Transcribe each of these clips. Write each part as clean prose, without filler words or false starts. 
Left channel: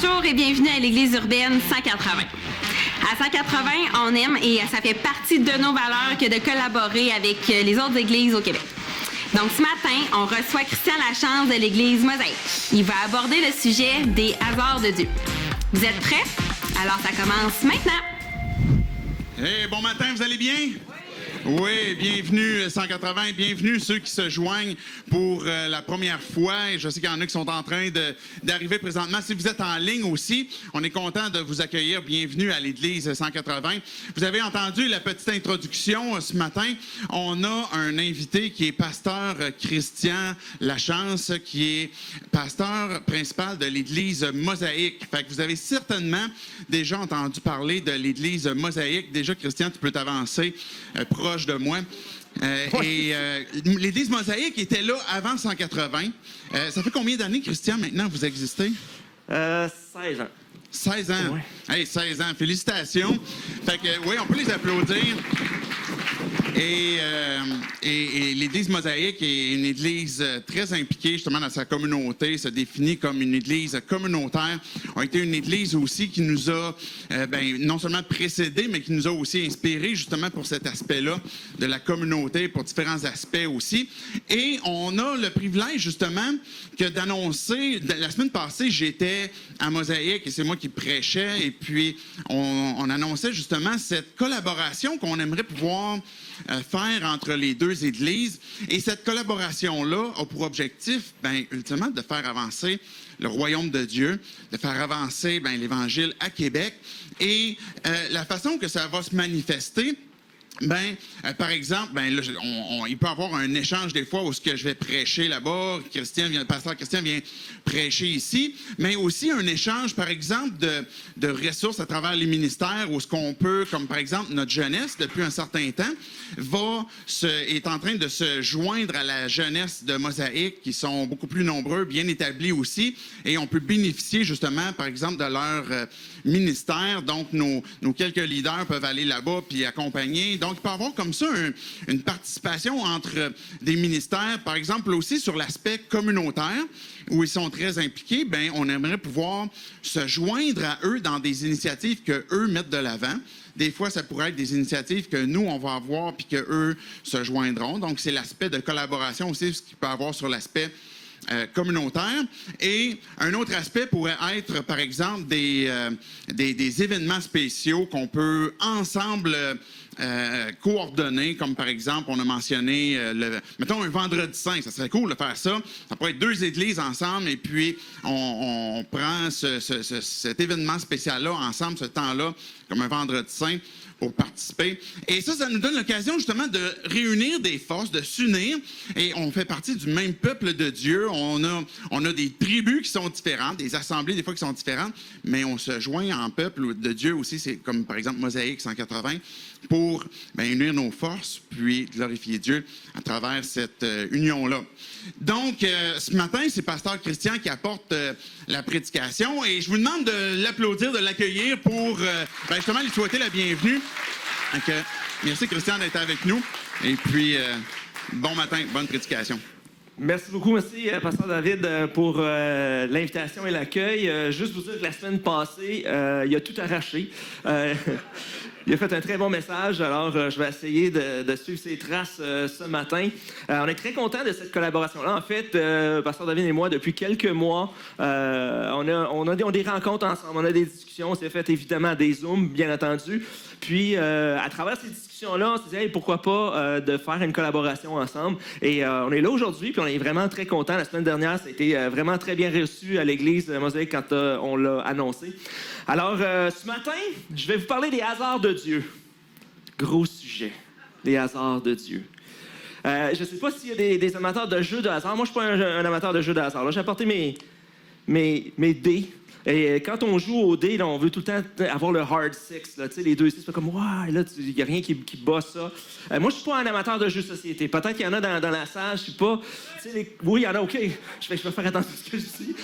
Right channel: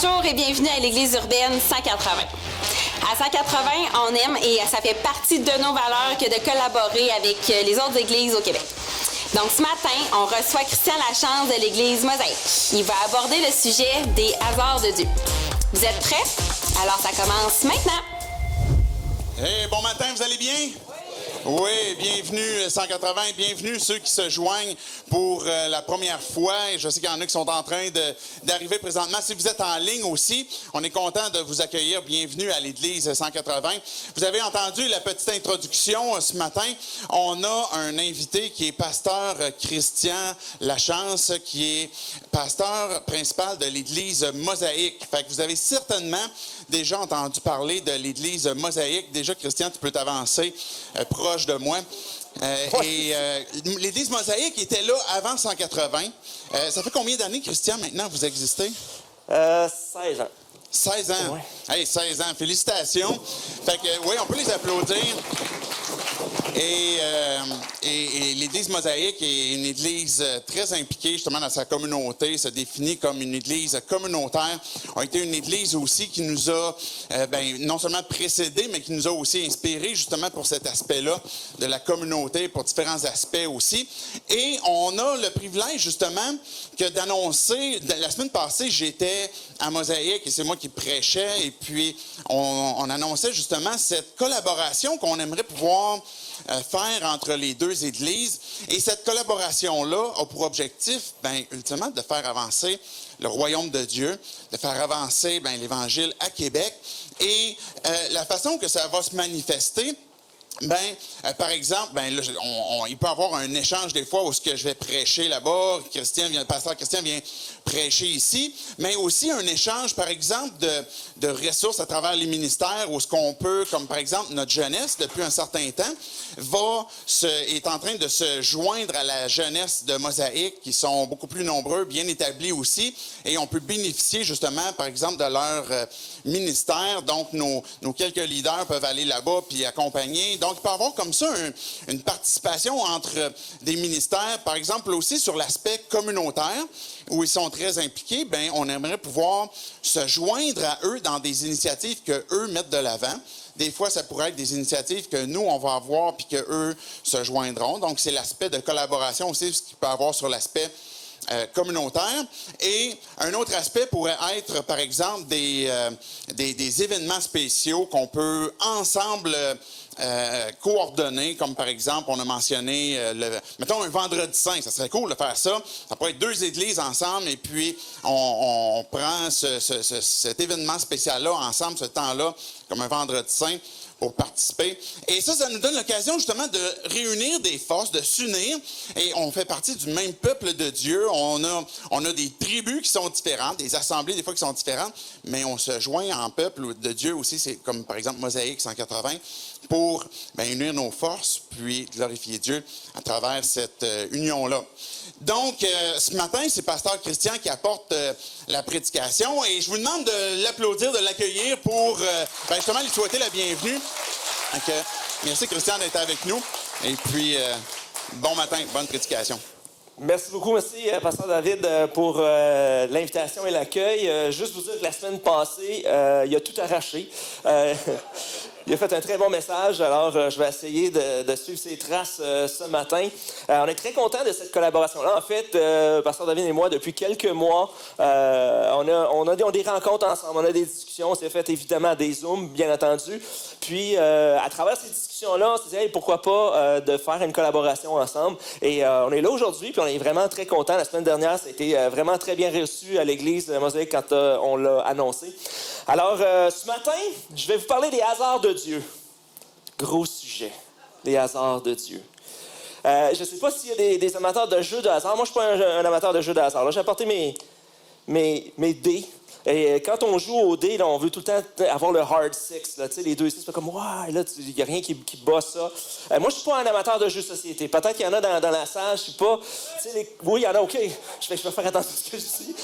Bonjour et bienvenue à l'Église urbaine 180. À 180, on aime et ça fait partie de nos valeurs que de collaborer avec les autres églises au Québec. Donc ce matin, on reçoit Christian Lachance de l'Église Mosaïque. Il va aborder le sujet des hasards de Dieu. Vous êtes prêts? Alors ça commence maintenant. Hey, bon matin, vous allez bien? Oui, bienvenue 180, bienvenue ceux qui se joignent pour la première fois. Et je sais qu'il y en a qui sont en train d'arriver présentement. Si vous êtes en ligne aussi, on est content de vous accueillir. Bienvenue à l'Église 180. Vous avez entendu la petite introduction ce matin. On a un invité qui est pasteur Christian Lachance, qui est pasteur principal de l'Église Mosaïque. Fait que vous avez certainement déjà entendu parler de l'Église Mosaïque. Déjà, Christian, tu peux t'avancer proche de moi. L'Église Mosaïque était là avant 180. Ça fait combien d'années, Christian, maintenant, vous existez? 16 ans. 16 ans? Ouais. Hey, 16 ans. Félicitations. Fait que, oui, on peut les applaudir. Et l'Église Mosaïque est une Église très impliquée justement dans sa communauté, se définit comme une Église communautaire. On a été une Église aussi qui nous a non seulement précédé, mais qui nous a aussi inspiré justement pour cet aspect-là de la communauté, pour différents aspects aussi. Et on a le privilège justement que d'annoncer, la semaine passée, j'étais à Mosaïque et c'est moi qui prêchais et puis on annonçait justement cette collaboration qu'on aimerait pouvoir faire entre les deux églises. Et cette collaboration-là a pour objectif, ultimement, de faire avancer le royaume de Dieu, de faire avancer l'Évangile à Québec. Et la façon que ça va se manifester, par exemple, il peut y avoir un échange des fois où ce que je vais prêcher là-bas, le pasteur Christian vient prêcher ici, mais aussi un échange, par exemple, de ressources à travers les ministères où ce qu'on peut, comme par exemple notre jeunesse, depuis un certain temps, est en train de se joindre à la jeunesse de Mosaïque, qui sont beaucoup plus nombreux, bien établis aussi, et on peut bénéficier justement, par exemple, de leur ministère. Donc, nos quelques leaders peuvent aller là-bas puis accompagner. Donc, il peut y avoir comme ça une participation entre des ministères, par exemple aussi sur l'aspect communautaire, où ils sont très impliqués. On aimerait pouvoir se joindre à eux dans des initiatives qu'eux mettent de l'avant. Des fois, ça pourrait être des initiatives que nous, on va avoir puis qu'eux se joindront. Donc, c'est l'aspect de collaboration aussi, ce qu'il peut y avoir sur l'aspect communautaire. Et un autre aspect pourrait être, par exemple, des événements spéciaux qu'on peut ensemble coordonner, comme par exemple, on a mentionné, mettons un vendredi saint, ça serait cool de faire ça. Ça pourrait être deux églises ensemble et puis on prend cet événement spécial-là ensemble, ce temps-là, comme un vendredi saint, pour participer. Et ça nous donne l'occasion justement de réunir des forces, de s'unir. Et on fait partie du même peuple de Dieu. On a des tribus qui sont différentes, des assemblées des fois qui sont différentes, mais on se joint en peuple de Dieu aussi. C'est comme par exemple Mosaïque 180 pour unir nos forces puis glorifier Dieu à travers cette union-là. Donc, ce matin, c'est pasteur Christian qui apporte la prédication et je vous demande de l'applaudir, de l'accueillir pour justement lui souhaiter la bienvenue. Donc, merci Christian d'être avec nous et puis bon matin, bonne prédication. Merci beaucoup, merci pasteur David pour l'invitation et l'accueil. Juste vous dire que la semaine passée, il a tout arraché. Il a fait un très bon message, alors je vais essayer de suivre ses traces ce matin. On est très contents de cette collaboration-là. En fait, pasteur David et moi, depuis quelques mois, on a des rencontres ensemble, on a des discussions. On s'est fait évidemment des Zooms, bien entendu. Puis, à travers ces discussions-là, on s'est dit, hey, pourquoi pas de faire une collaboration ensemble. Et on est là aujourd'hui, puis on est vraiment très contents. La semaine dernière, ça a été vraiment très bien reçu à l'Église Mosaïque quand on l'a annoncé. Alors, ce matin, je vais vous parler des hasards de Dieu. Gros sujet, les hasards de Dieu. Je ne sais pas s'il y a des amateurs de jeux de hasard. Moi, je ne suis pas un amateur de jeux de hasard. Là, j'ai apporté mes dés. Et quand on joue au dés, là, on veut tout le temps avoir le hard six. Là, les 2 6, c'est comme, ouais, là, il n'y a rien qui bat ça. Moi, je ne suis pas un amateur de jeux de société. Peut-être qu'il y en a dans la salle, je ne sais pas. Oui, il y en a, OK. Je vais faire attention à ce que je dis.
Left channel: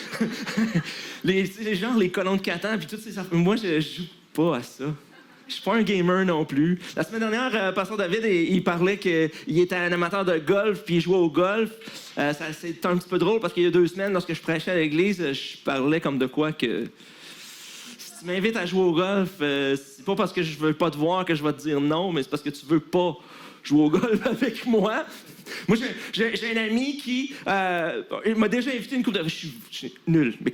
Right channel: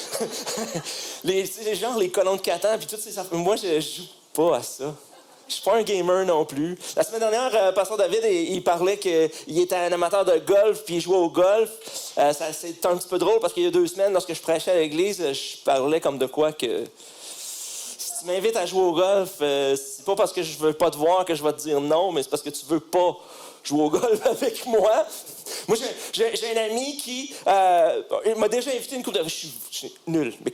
les gens, les colons de Catan, puis toutes ces affaires. Moi, je ne joue pas à ça. Je suis pas un gamer non plus. La semaine dernière, pasteur David, il parlait qu'il était un amateur de golf, puis il jouait au golf. C'est un petit peu drôle parce qu'il y a 2 semaines, lorsque je prêchais à l'église, je parlais comme de quoi que tu m'invites à jouer au golf, c'est pas parce que je veux pas te voir que je vais te dire non, mais c'est parce que tu veux pas jouer au golf avec moi. Moi, j'ai un ami qui il m'a déjà invité une couple de... Je suis nul, mais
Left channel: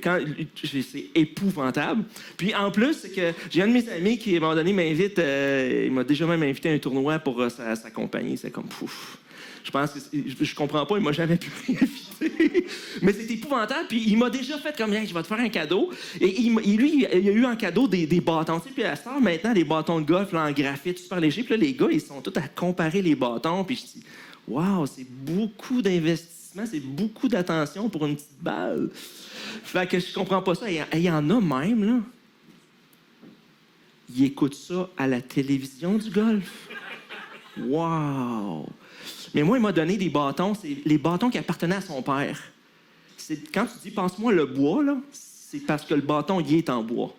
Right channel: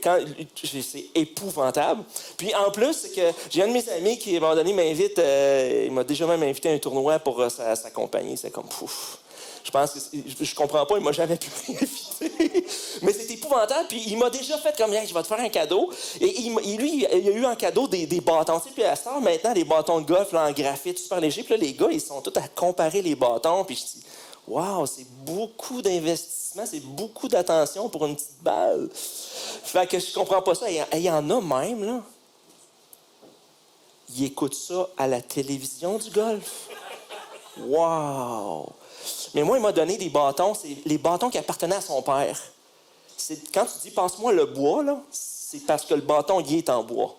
c'est épouvantable. Puis en plus, c'est que j'ai un de mes amis qui, à un moment donné, m'invite... il m'a déjà même invité à un tournoi pour sa compagnie. C'est comme... Pouf. Je pense que je comprends pas, il m'a jamais pu m'inviter. Mais c'est épouvantable. Puis il m'a déjà fait comme, je vais te faire un cadeau. Et lui, il a eu en cadeau des bâtons. Tu sais, puis à ça, maintenant, des bâtons de golf là, en graphite super léger. Puis là, les gars, ils sont tous à comparer les bâtons. Puis je dis, waouh, c'est beaucoup d'investissement, c'est beaucoup d'attention pour une petite balle. Fait que je comprends pas ça. Il y en a même, là. Ils écoutent ça à la télévision du golf. Wow! Mais moi, il m'a donné des bâtons. C'est les bâtons qui appartenaient à son père. Quand tu dis « passe-moi le bois », là, c'est parce que le bâton, il est en bois.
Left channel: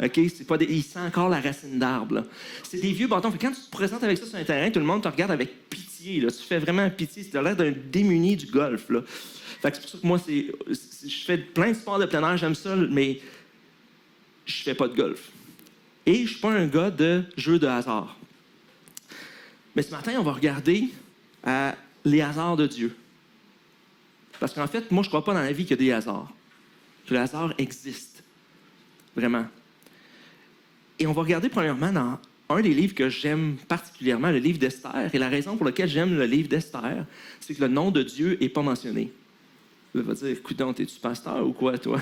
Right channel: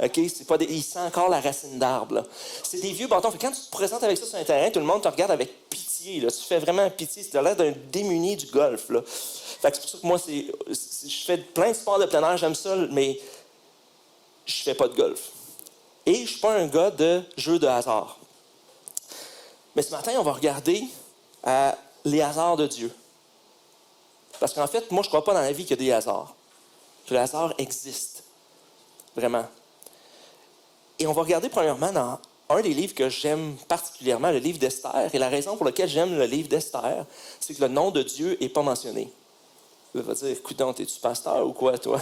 OK? C'est pas il sent encore la racine d'arbre. Là. C'est des vieux bâtons. Fait que quand tu te présentes avec ça sur un terrain, tout le monde te regarde avec pitié. Là. Tu fais vraiment pitié. Tu as l'air d'un démuni du golf. Là. Fait que c'est pour ça que moi, je fais plein de sports de plein air. J'aime ça, mais je fais pas de golf. Et je suis pas un gars de jeu de hasard. Mais ce matin, on va regarder les hasards de Dieu. Parce qu'en fait, moi, je ne crois pas dans la vie qu'il y a des hasards. Que le hasard existe. Vraiment. Et on va regarder premièrement dans un des livres que j'aime particulièrement, le livre d'Esther. Et la raison pour laquelle j'aime le livre d'Esther, c'est que le nom de Dieu n'est pas mentionné. Vous allez dire, écoute donc, t'es-tu pasteur ou quoi, toi?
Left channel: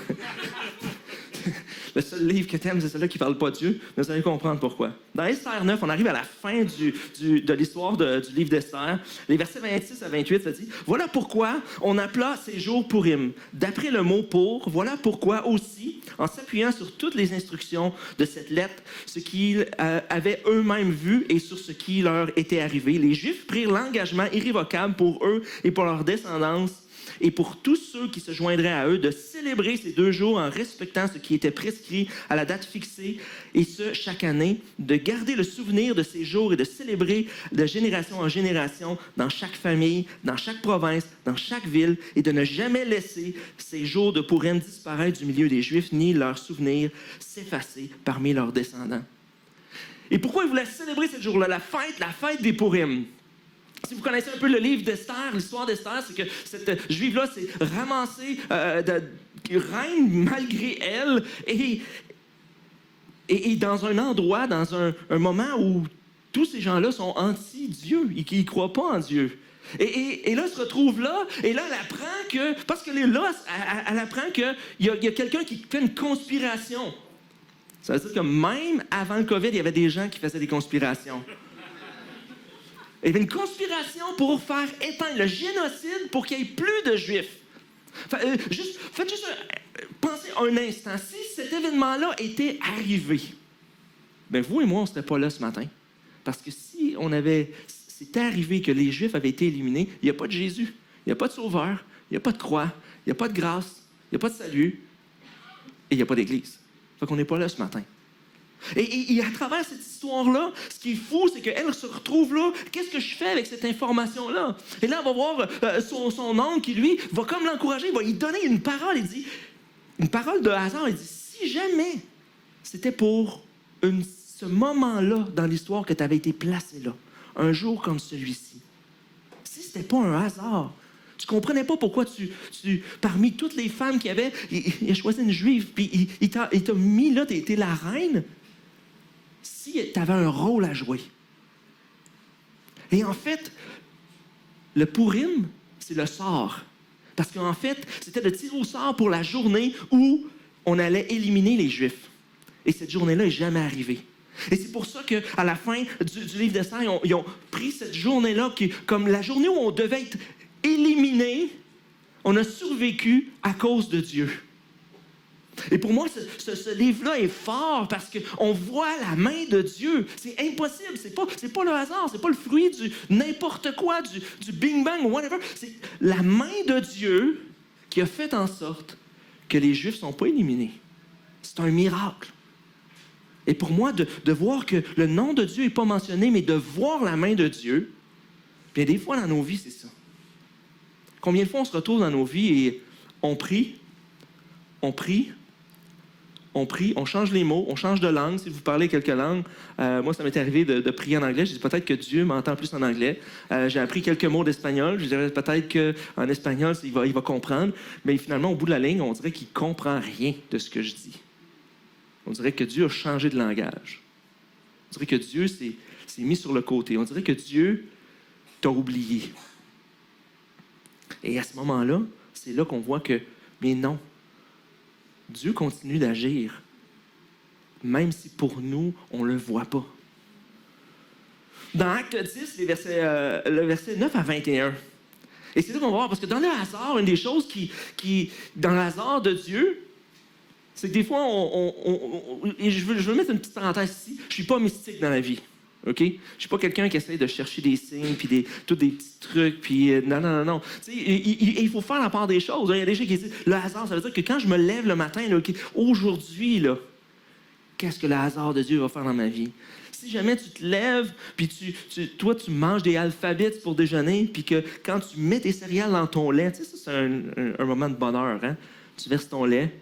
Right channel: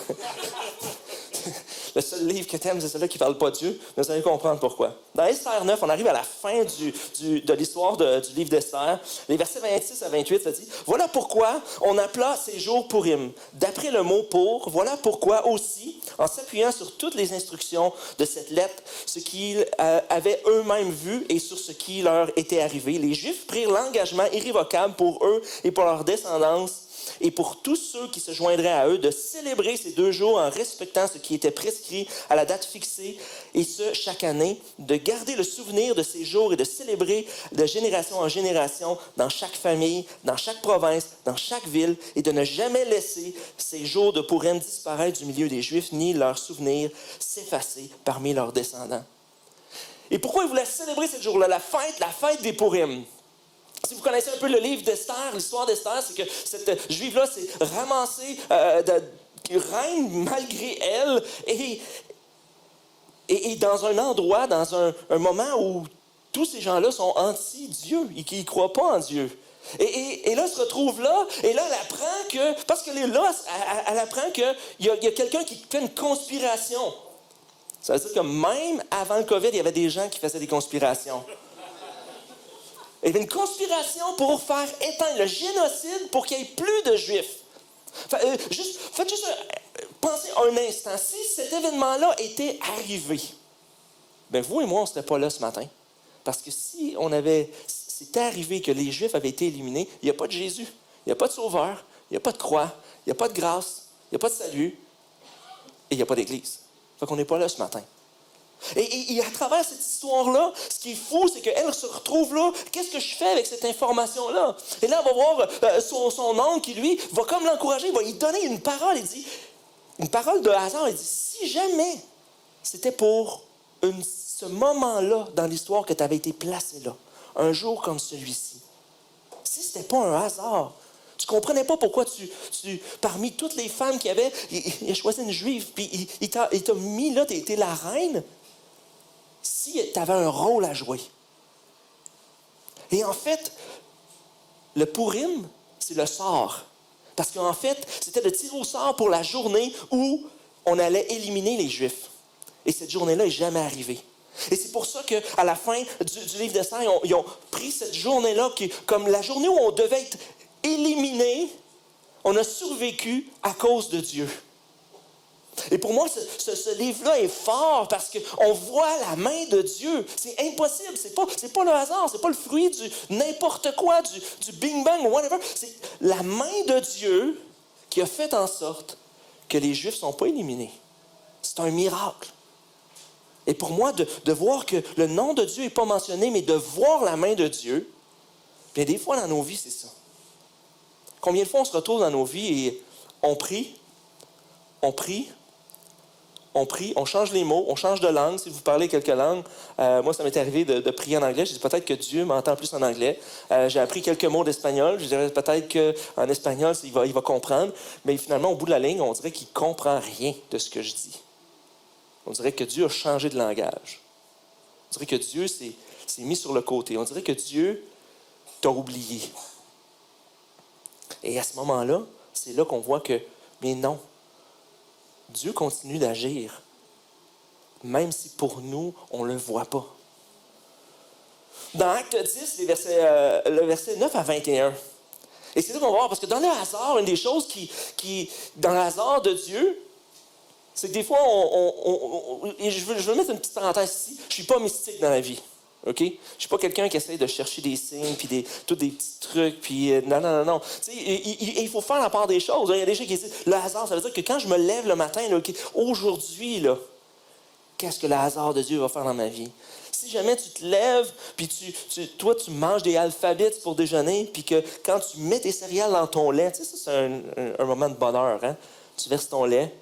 Le seul livre que t'aimes, c'est celui-là qui ne parle pas de Dieu. Mais vous allez comprendre pourquoi. Dans Esther 9, on arrive à la fin de l'histoire du livre d'Esther. Les versets 26 à 28, ça dit « Voilà pourquoi on appela ces jours Purim. D'après le mot « pour », voilà pourquoi aussi, en s'appuyant sur toutes les instructions de cette lettre, ce qu'ils avaient eux-mêmes vu et sur ce qui leur était arrivé, les Juifs prirent l'engagement irrévocable pour eux et pour leur descendance et pour tous ceux qui se joindraient à eux, de célébrer ces 2 jours en respectant ce qui était prescrit à la date fixée, et ce, chaque année, de garder le souvenir de ces jours et de célébrer de génération en génération dans chaque famille, dans chaque province, dans chaque ville, et de ne jamais laisser ces jours de Purim disparaître du milieu des Juifs, ni leurs souvenirs s'effacer parmi leurs descendants. Et pourquoi ils voulaient célébrer ce jour-là, la fête des Purim? Si vous connaissez un peu le livre d'Esther, l'histoire d'Esther, c'est que cette juive-là s'est ramassée reine malgré elle et dans un endroit, dans un moment où tous ces gens-là sont anti-Dieu et qui ne croient pas en Dieu. Et là, elle se retrouve là, et là, elle apprend que... Parce qu'elle est là, elle apprend qu'il y a quelqu'un qui fait une conspiration. Ça veut dire que même avant le COVID, il y avait des gens qui faisaient des conspirations. Il y avait une conspiration pour faire éteindre le génocide pour qu'il n'y ait plus de Juifs. Faites juste pensez un instant. Si cet événement-là était arrivé, bien vous et moi, on ne serait pas là ce matin. Parce que si c'était arrivé que les Juifs avaient été éliminés, il n'y a pas de Jésus, il n'y a pas de Sauveur, il n'y a pas de croix, il n'y a pas de grâce, il n'y a pas de salut, et il n'y a pas d'Église. Fait qu'on n'est pas là ce matin. Et à travers cette histoire-là, ce qui est fou, c'est qu'elle se retrouve là. Qu'est-ce que je fais avec cette information-là? Et là, on va voir son oncle qui, lui, va comme l'encourager. Il va lui donner une parole. Il dit, une parole de hasard. Il dit, si jamais c'était pour ce moment-là dans l'histoire que tu avais été placé là, un jour comme celui-ci, si c'était pas un hasard, tu comprenais pas pourquoi parmi toutes les femmes qu'il y avait, il a choisi une juive, puis il t'a mis là, t'es la reine. Si tu avais un rôle à jouer. Et en fait, le Purim, c'est le sort. Parce qu'en fait, c'était le tir au sort pour la journée où on allait éliminer les Juifs. Et cette journée-là n'est jamais arrivée. Et c'est pour ça qu'à la fin du livre d'Esther, ils ont pris cette journée-là comme la journée où on devait être éliminé. On a survécu à cause de Dieu. Et pour moi, ce livre-là est fort parce qu'on voit la main de Dieu. C'est impossible. C'est pas le hasard. C'est pas le fruit du n'importe quoi, du bing-bang ou whatever. C'est la main de Dieu qui a fait en sorte que les Juifs ne sont pas éliminés. C'est un miracle. Et pour moi, de voir que le nom de Dieu n'est pas mentionné, mais de voir la main de Dieu, bien des fois dans nos vies, c'est ça. Combien de fois on se retrouve dans nos vies et on prie, on prie, on change les mots, on change de langue. Si vous parlez quelques langues, moi, ça m'est arrivé de prier en anglais. Je dis peut-être que Dieu m'entend plus en anglais. J'ai appris quelques mots d'espagnol. Je dirais peut-être qu'en espagnol, il va comprendre. Mais finalement, au bout de la ligne, on dirait qu'il ne comprend rien de ce que je dis. On dirait que Dieu a changé de langage. On dirait que Dieu s'est mis sur le côté. On dirait que Dieu t'a oublié. Et à ce moment-là, c'est là qu'on voit que, mais non, Dieu continue d'agir, même si pour nous, on ne le voit pas. Dans Acte 10, le verset 9 à 21, et c'est là qu'on va voir, parce que dans le hasard, une des choses qui dans le hasard de Dieu, c'est que des fois, et je veux mettre une petite parenthèse ici, je ne suis pas mystique dans la vie. OK? Je ne suis pas quelqu'un qui essaie de chercher des signes, puis tous des petits trucs, puis non. Il faut faire la part des choses. Il y a des gens qui disent, le hasard, ça veut dire que quand je me lève le matin, là, aujourd'hui, là, qu'est-ce que le hasard de Dieu va faire dans ma vie? Si jamais tu te lèves, puis toi, tu manges des alphabets pour déjeuner, puis que quand tu mets tes céréales dans ton lait, tu sais, ça, c'est un moment de bonheur, hein? Tu verses ton lait,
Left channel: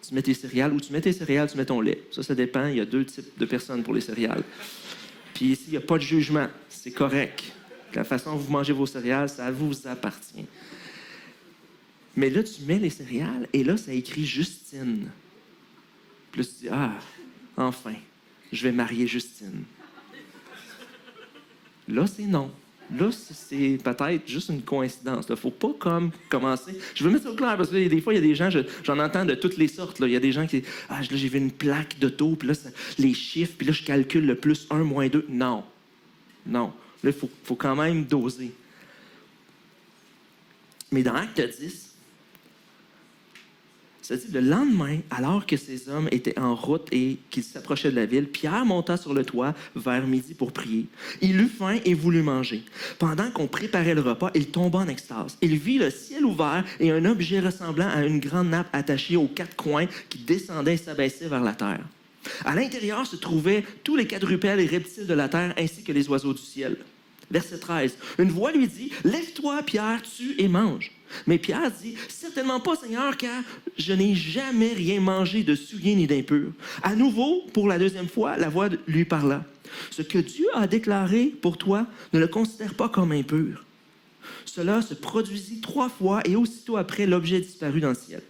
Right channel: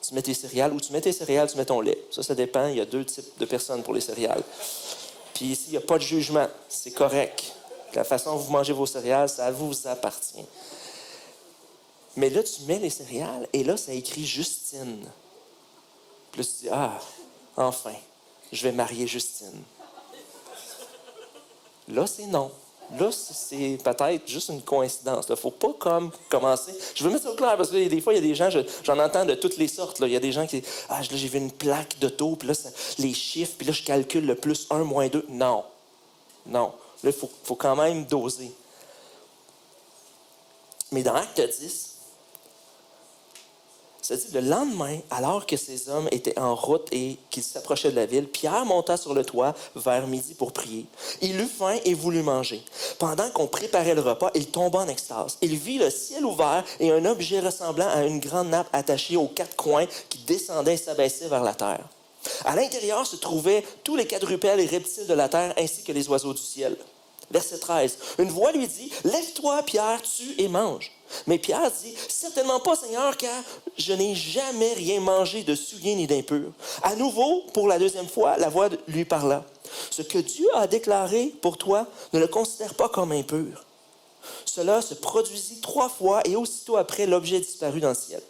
tu mets tes céréales, ou tu mets tes céréales, tu mets ton lait. Ça dépend. Il y a 2 types de personnes pour les céréales. Puis ici, il n'y a pas de jugement. C'est correct. La façon dont vous mangez vos céréales, ça vous appartient. Mais là, tu mets les céréales, et là, ça écrit Justine. Puis là, tu dis, enfin, je vais marier Justine. Là, c'est non. Là, c'est peut-être juste une coïncidence. Il ne faut pas commencer. Je veux mettre ça au clair parce que des fois, il y a des gens, j'en entends de toutes les sortes. Là. Il y a des gens qui disent là, j'ai vu une plaque d'auto, puis là, les chiffres, puis là, je calcule le plus 1, moins 2. Non. Là, il faut quand même doser. Mais dans Acte 10, ça dit, le lendemain, alors que ces hommes étaient en route et qu'ils s'approchaient de la ville, Pierre monta sur le toit vers midi pour prier. Il eut faim et voulut manger. Pendant qu'on préparait le repas, il tomba en extase. Il vit le ciel ouvert et un objet ressemblant à une grande nappe attachée aux 4 coins qui descendait et s'abaissait vers la terre. À l'intérieur se trouvaient tous les quadrupèdes et reptiles de la terre ainsi que les oiseaux du ciel. Verset 13. Une voix lui dit, « Lève-toi, Pierre, tue et mange. » Mais Pierre dit, « Certainement pas, Seigneur, car je n'ai jamais rien mangé de souillé ni d'impur. » À nouveau, pour la 2e fois, la voix lui parla. « Ce que Dieu a déclaré pour toi, ne le considère pas comme impur. » Cela se produisit 3 fois et aussitôt après, l'objet disparut dans le ciel.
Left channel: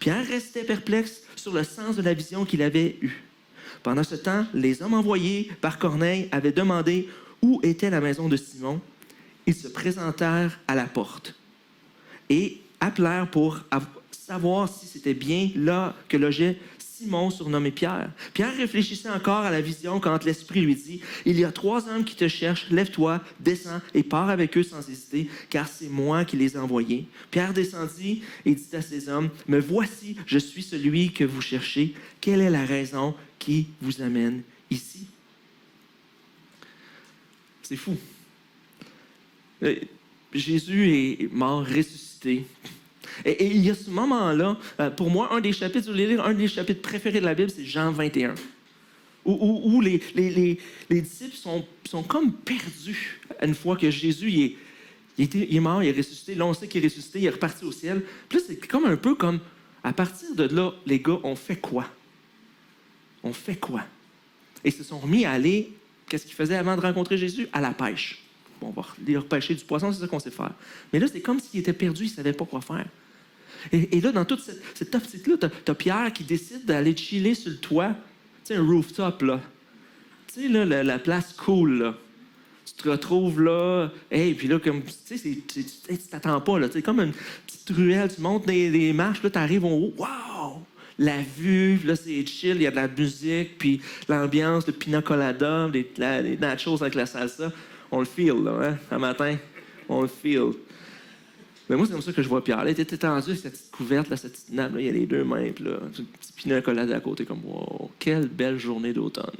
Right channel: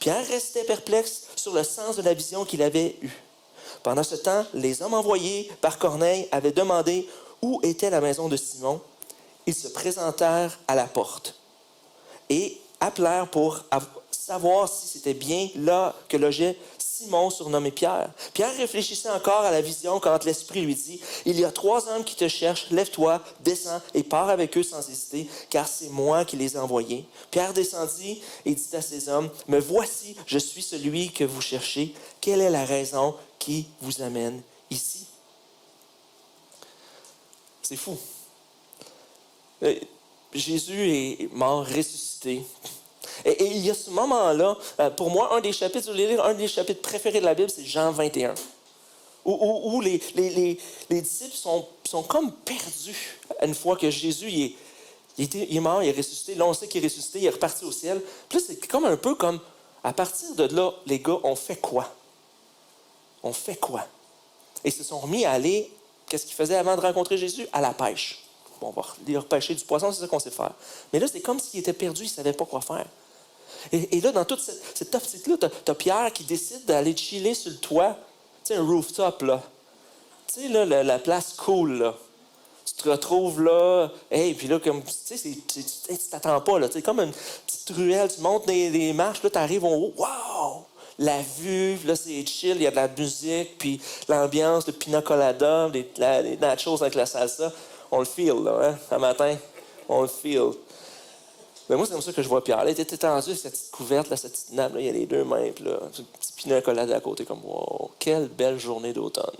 Pierre restait perplexe sur le sens de la vision qu'il avait eue. Pendant ce temps, les hommes envoyés par Corneille avaient demandé où était la maison de Simon. Ils se présentèrent à la porte et appelèrent pour savoir si c'était bien là que logeait Simon, surnommé Pierre. Pierre réfléchissait encore à la vision quand l'Esprit lui dit, « Il y a 3 hommes qui te cherchent, lève-toi, descends et pars avec eux sans hésiter, car c'est moi qui les ai envoyés. » Pierre descendit et dit à ces hommes, « Me voici, je suis celui que vous cherchez. Quelle est la raison qui vous amène ici? » C'est fou. Jésus est mort, ressuscité. Et il y a ce moment-là, pour moi, un des chapitres préférés de la Bible, c'est Jean 21, où les disciples sont comme perdus une fois que Jésus il est mort, il est ressuscité. Là, on sait qu'il est ressuscité, il est reparti au ciel. Puis là, c'est comme un peu comme, à partir de là, les gars, on fait quoi? On fait quoi? Et ils se sont remis à aller. Qu'est-ce qu'ils faisaient avant de rencontrer Jésus? À la pêche. Bon, on va aller repêcher du poisson, c'est ça qu'on sait faire. Mais là, c'est comme s'il était perdu, il ne savait pas quoi faire. Et là, dans toute cette optique-là, tu as Pierre qui décide d'aller chiller sur le toit. Tu sais, un rooftop, là. Tu sais, là, la place cool, là. Tu te retrouves là, puis là, comme, tu sais, tu t'attends pas, là. Tu sais, comme une petite ruelle, tu montes des marches, là, tu arrives en haut. Wow! La vue, là, c'est chill, il y a de la musique, puis l'ambiance, le pina colada, les nachos avec la salsa. On le feel, là, hein, un matin. On le feel. Mais moi, c'est comme ça que je vois Pierre. Là, il était tendu, cette petite couverte, là, cette petite nappe, là, il y a les 2 mains, puis là, un petit pina colada à côté, comme, wow, quelle belle journée d'automne.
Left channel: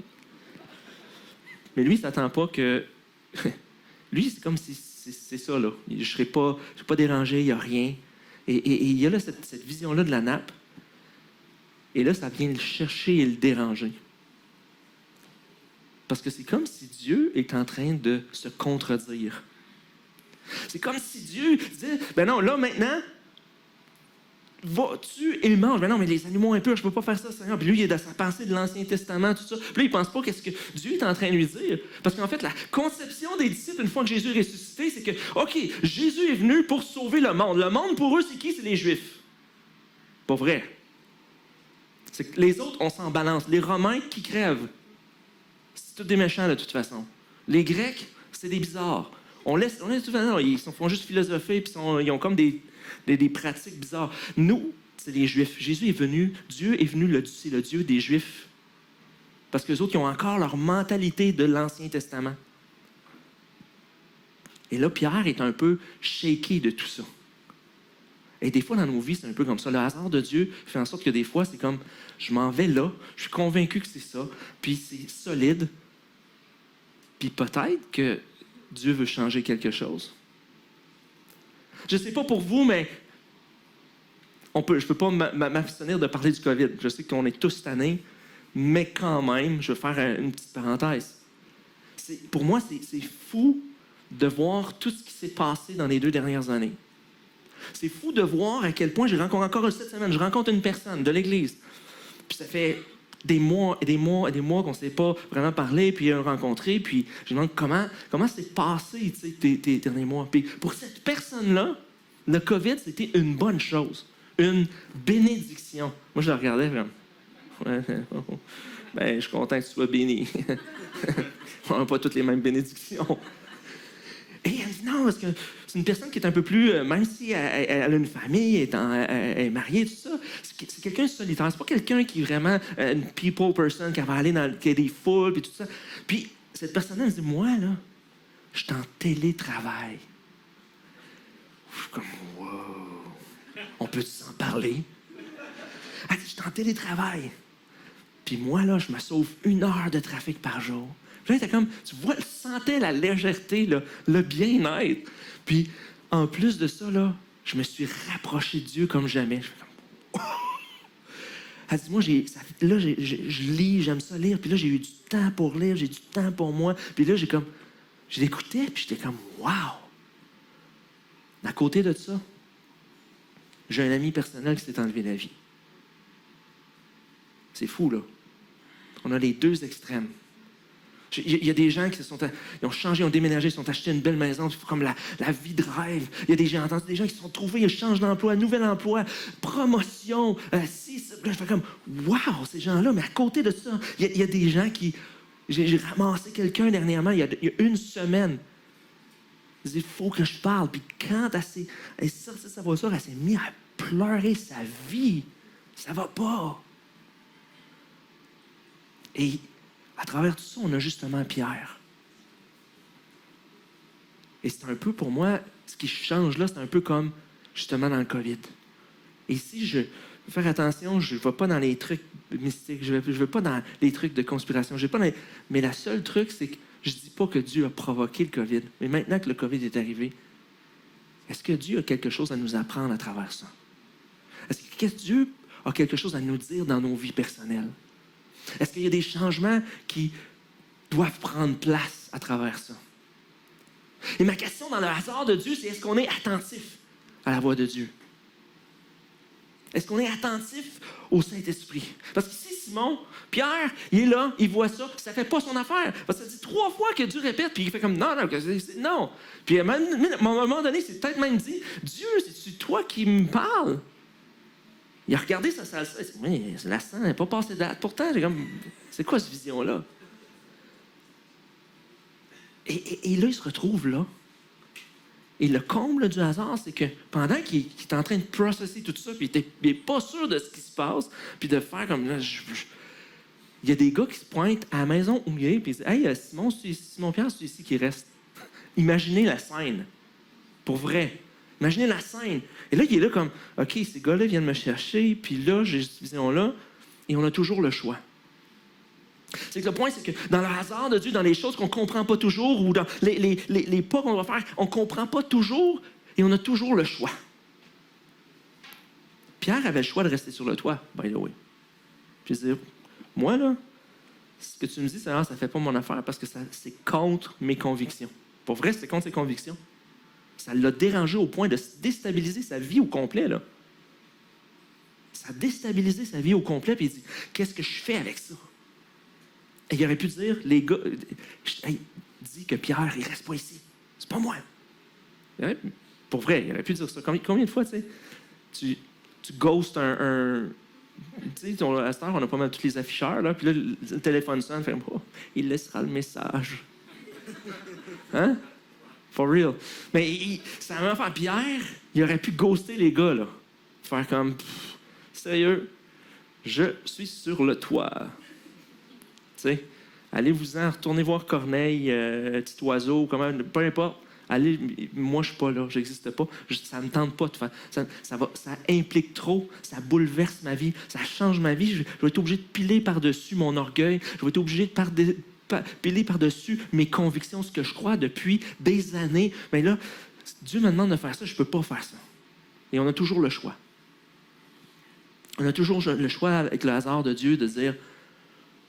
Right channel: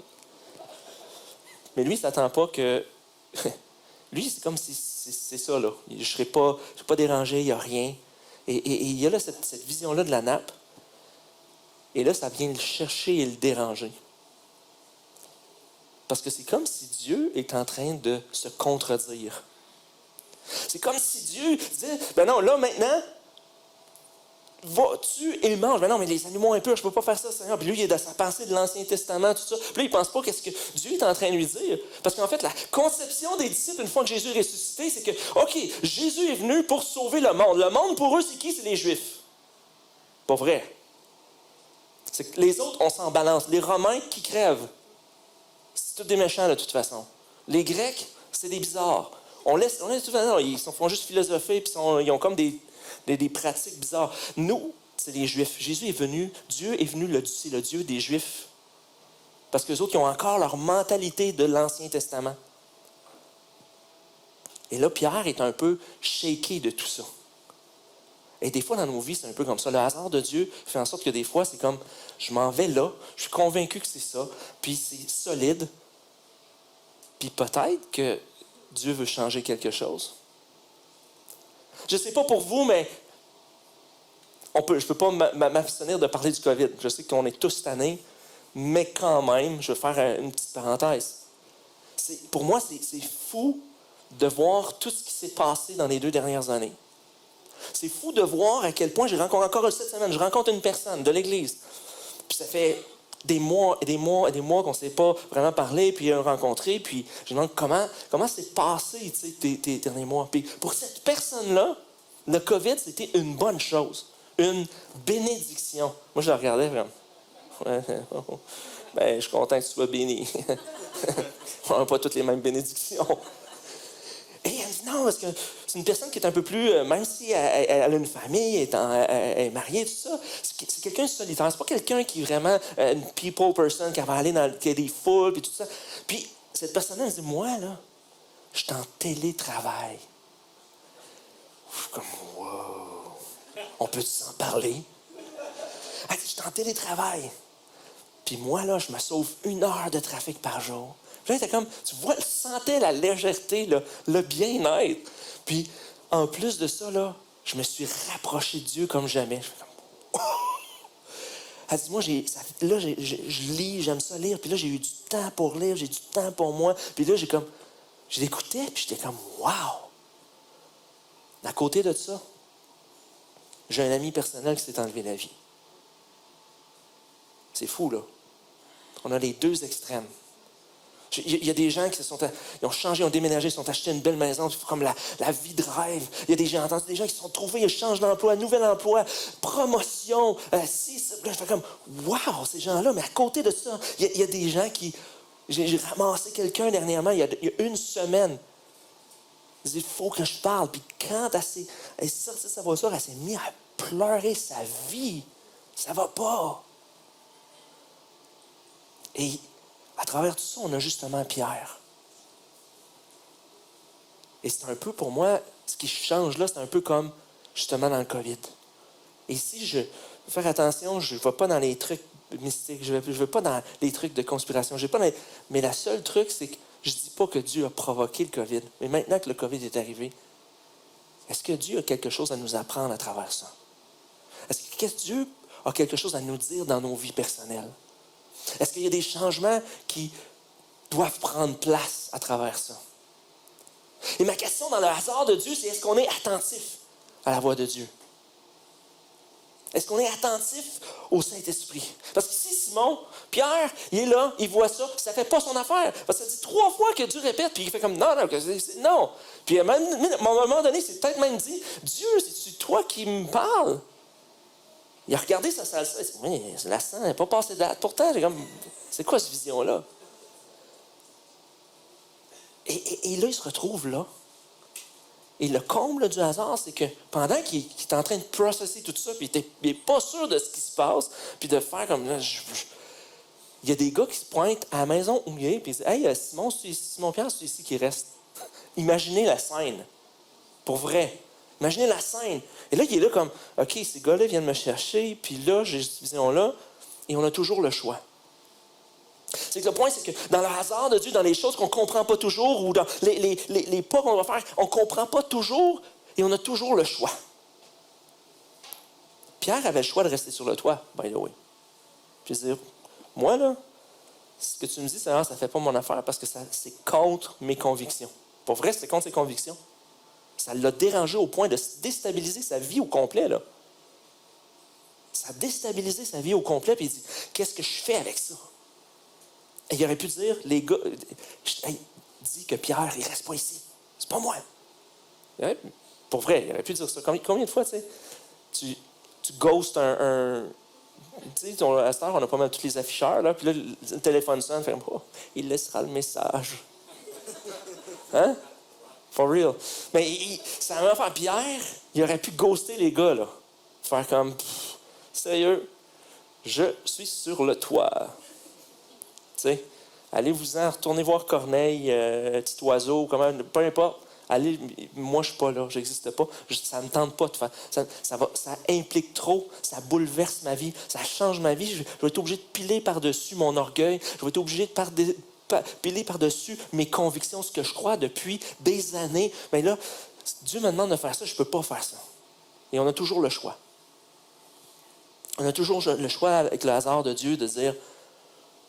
Mais lui, il s'attend pas que. Lui, c'est comme si c'est ça, là. Je ne serai pas dérangé, il n'y a rien. Et il y a là cette vision-là de la nappe. Et là, ça vient le chercher et le déranger. Parce que c'est comme si Dieu est en train de se contredire. C'est comme si Dieu disait, ben non, là, maintenant, va-tu et mange. Mais non, mais les animaux impurs, je peux pas faire ça, Seigneur. Puis lui, il est dans sa pensée de l'Ancien Testament, tout ça. Puis là, il pense pas qu'est-ce que Dieu est en train de lui dire. Parce qu'en fait, la conception des disciples, une fois que Jésus est ressuscité, c'est que, OK, Jésus est venu pour sauver le monde. Le monde, pour eux, c'est qui? C'est les Juifs. Pas vrai. C'est que les autres, on s'en balance. Les Romains qui crèvent, c'est tous des méchants de toute façon. Les Grecs, c'est des bizarres. On laisse tout non, ils font juste philosopher, puis ils ont comme des pratiques bizarres. Nous, c'est les Juifs. Jésus est venu, Dieu est venu, c'est le Dieu des Juifs. Parce qu'eux autres, ils ont encore leur mentalité de l'Ancien Testament. Et là, Pierre est un peu shaké de tout ça. Et des fois, dans nos vies, c'est un peu comme ça. Le hasard de Dieu fait en sorte que des fois, c'est comme, je m'en vais là, je suis convaincu que c'est ça, puis c'est solide. Puis peut-être que Dieu veut changer quelque chose. Je ne sais pas pour vous, mais je ne peux pas m'abstenir de parler du COVID. Je sais qu'on est tous tannés, mais quand même, je vais faire une petite parenthèse. Pour moi, c'est fou de voir tout ce qui s'est passé dans les 2 dernières années. C'est fou de voir à quel point j'ai rencontré encore cette semaine. Je rencontre une personne de l'Église. Puis ça fait des mois et des mois et des mois qu'on ne s'est pas vraiment parlé, puis rencontré. Puis je me demande comment c'est passé tes derniers mois. Puis pour cette personne-là, le COVID, c'était une bonne chose. Une bénédiction. Moi, je la regardais vraiment. Ben, je suis content que tu sois béni. On n'a pas toutes les mêmes bénédictions. Et elle dit non, parce que c'est une personne qui est un peu plus, même si elle a une famille, elle est mariée, tout ça, c'est quelqu'un de solitaire. C'est pas quelqu'un qui est vraiment une people person, qui va aller qui a des foules, puis tout ça. Puis cette personne-là, elle dit, moi, là, je suis en télétravail. Je suis comme, wow, on peut s'en parler? Elle dit, je suis en télétravail. Puis moi, là, je me sauve 1 heure de trafic par jour. Puis là, t'es comme, tu vois, tu sentais la légèreté, là, le bien-être. Puis, en plus de ça, là, je me suis rapproché de Dieu comme jamais. Je fais comme, oh! Elle dit, moi, je lis, j'aime ça lire. Puis là, j'ai eu du temps pour lire, j'ai du temps pour moi. Puis là, je l'écoutais, puis j'étais comme, wow! À côté de ça, j'ai un ami personnel qui s'est enlevé la vie. C'est fou, là. On a les 2 extrêmes. Il y a des gens qui ils ont changé, ils ont déménagé, ils sont achetés une belle maison, comme la vie de rêve. Il y a des gens qui se sont trouvés, ils changent d'emploi, nouvel emploi, promotion. Là, je fais comme, wow, ces gens-là. Mais à côté de ça, il y a des gens qui... J'ai ramassé quelqu'un dernièrement, il y a 1 semaine. Il dit, il faut que je parle. Puis quand elle est sortie de sa voiture, elle s'est mise à pleurer sa vie. Ça va pas. Et à travers tout ça, on a justement Pierre. Et c'est un peu, pour moi, ce qui change là, c'est un peu comme, justement, dans le COVID. Et si je veux faire attention, je ne vais pas dans les trucs mystiques, je vais pas dans les trucs de conspiration, mais le seul truc, c'est que je ne dis pas que Dieu a provoqué le COVID. Mais maintenant que le COVID est arrivé, est-ce que Dieu a quelque chose à nous apprendre à travers ça? Est-ce que Dieu a quelque chose à nous dire dans nos vies personnelles? Est-ce qu'il y a des changements qui doivent prendre place à travers ça? Et ma question dans le hasard de Dieu, c'est est-ce qu'on est attentif à la voix de Dieu? Est-ce qu'on est attentif au Saint-Esprit? Parce que si Simon, Pierre, il est là, il voit ça, ça ne fait pas son affaire. Parce que ça dit 3 fois que Dieu répète, puis il fait comme non. Non. Puis à un moment donné, c'est peut-être même dit, Dieu, c'est-tu toi qui me parles? Il a regardé sa salsa, il s'est dit, oui, la sang n'est pas passée date. Pourtant, j'ai comme, c'est quoi cette vision-là? Et là, il se retrouve là. Et le comble du hasard, c'est que pendant qu'il est en train de processer tout ça, puis il n'est pas sûr de ce qui se passe, puis de faire comme là, il y a des gars qui se pointent à la maison où il est, puis ils disent, hey, Simon Pierre, c'est ici qui reste. Imaginez la scène. Pour vrai. Imaginez la scène. Et là, il est là comme, OK, ces gars-là viennent me chercher, puis là, j'ai cette vision-là, et on a toujours le choix. C'est que le point, c'est que dans le hasard de Dieu, dans les choses qu'on ne comprend pas toujours, ou dans les pas qu'on va faire, on ne comprend pas toujours, et on a toujours le choix. Pierre avait le choix de rester sur le toit, by the way. Puis dire, moi, là, ce que tu me dis, ça ne fait pas mon affaire, parce que c'est contre mes convictions. Pour vrai, c'est contre ses convictions. Ça l'a dérangé au point de déstabiliser sa vie au complet, là. Ça a déstabilisé sa vie au complet. Puis il dit, qu'est-ce que je fais avec ça? Et il aurait pu dire, les gars, hey, dis que Pierre, il reste pas ici. C'est pas moi. Pour vrai, il aurait pu dire ça. Combien de fois, tu sais, tu ghostes un tu sais, à cette heure, on a pas mal tous les afficheurs, là, puis là, le téléphone sonne, fait, oh, il laissera le message. Hein? For real. Mais ça m'a fait Pierre, il aurait pu ghoster les gars, là. Faire comme, sérieux, je suis sur le toit. Tu sais, allez-vous-en, retournez voir Corneille, Petit Oiseau, comment, peu importe. Allez, moi, je suis pas là, j'existe pas. Ça me tente pas de faire. Ça implique trop, ça bouleverse ma vie, ça change ma vie. Je vais être obligé de piler par-dessus mon orgueil. Je vais être obligé de piler par-dessus mes convictions, ce que je crois depuis des années. Mais là, Dieu me demande de faire ça, je peux pas faire ça. Et on a toujours le choix. On a toujours le choix avec le hasard de Dieu de dire,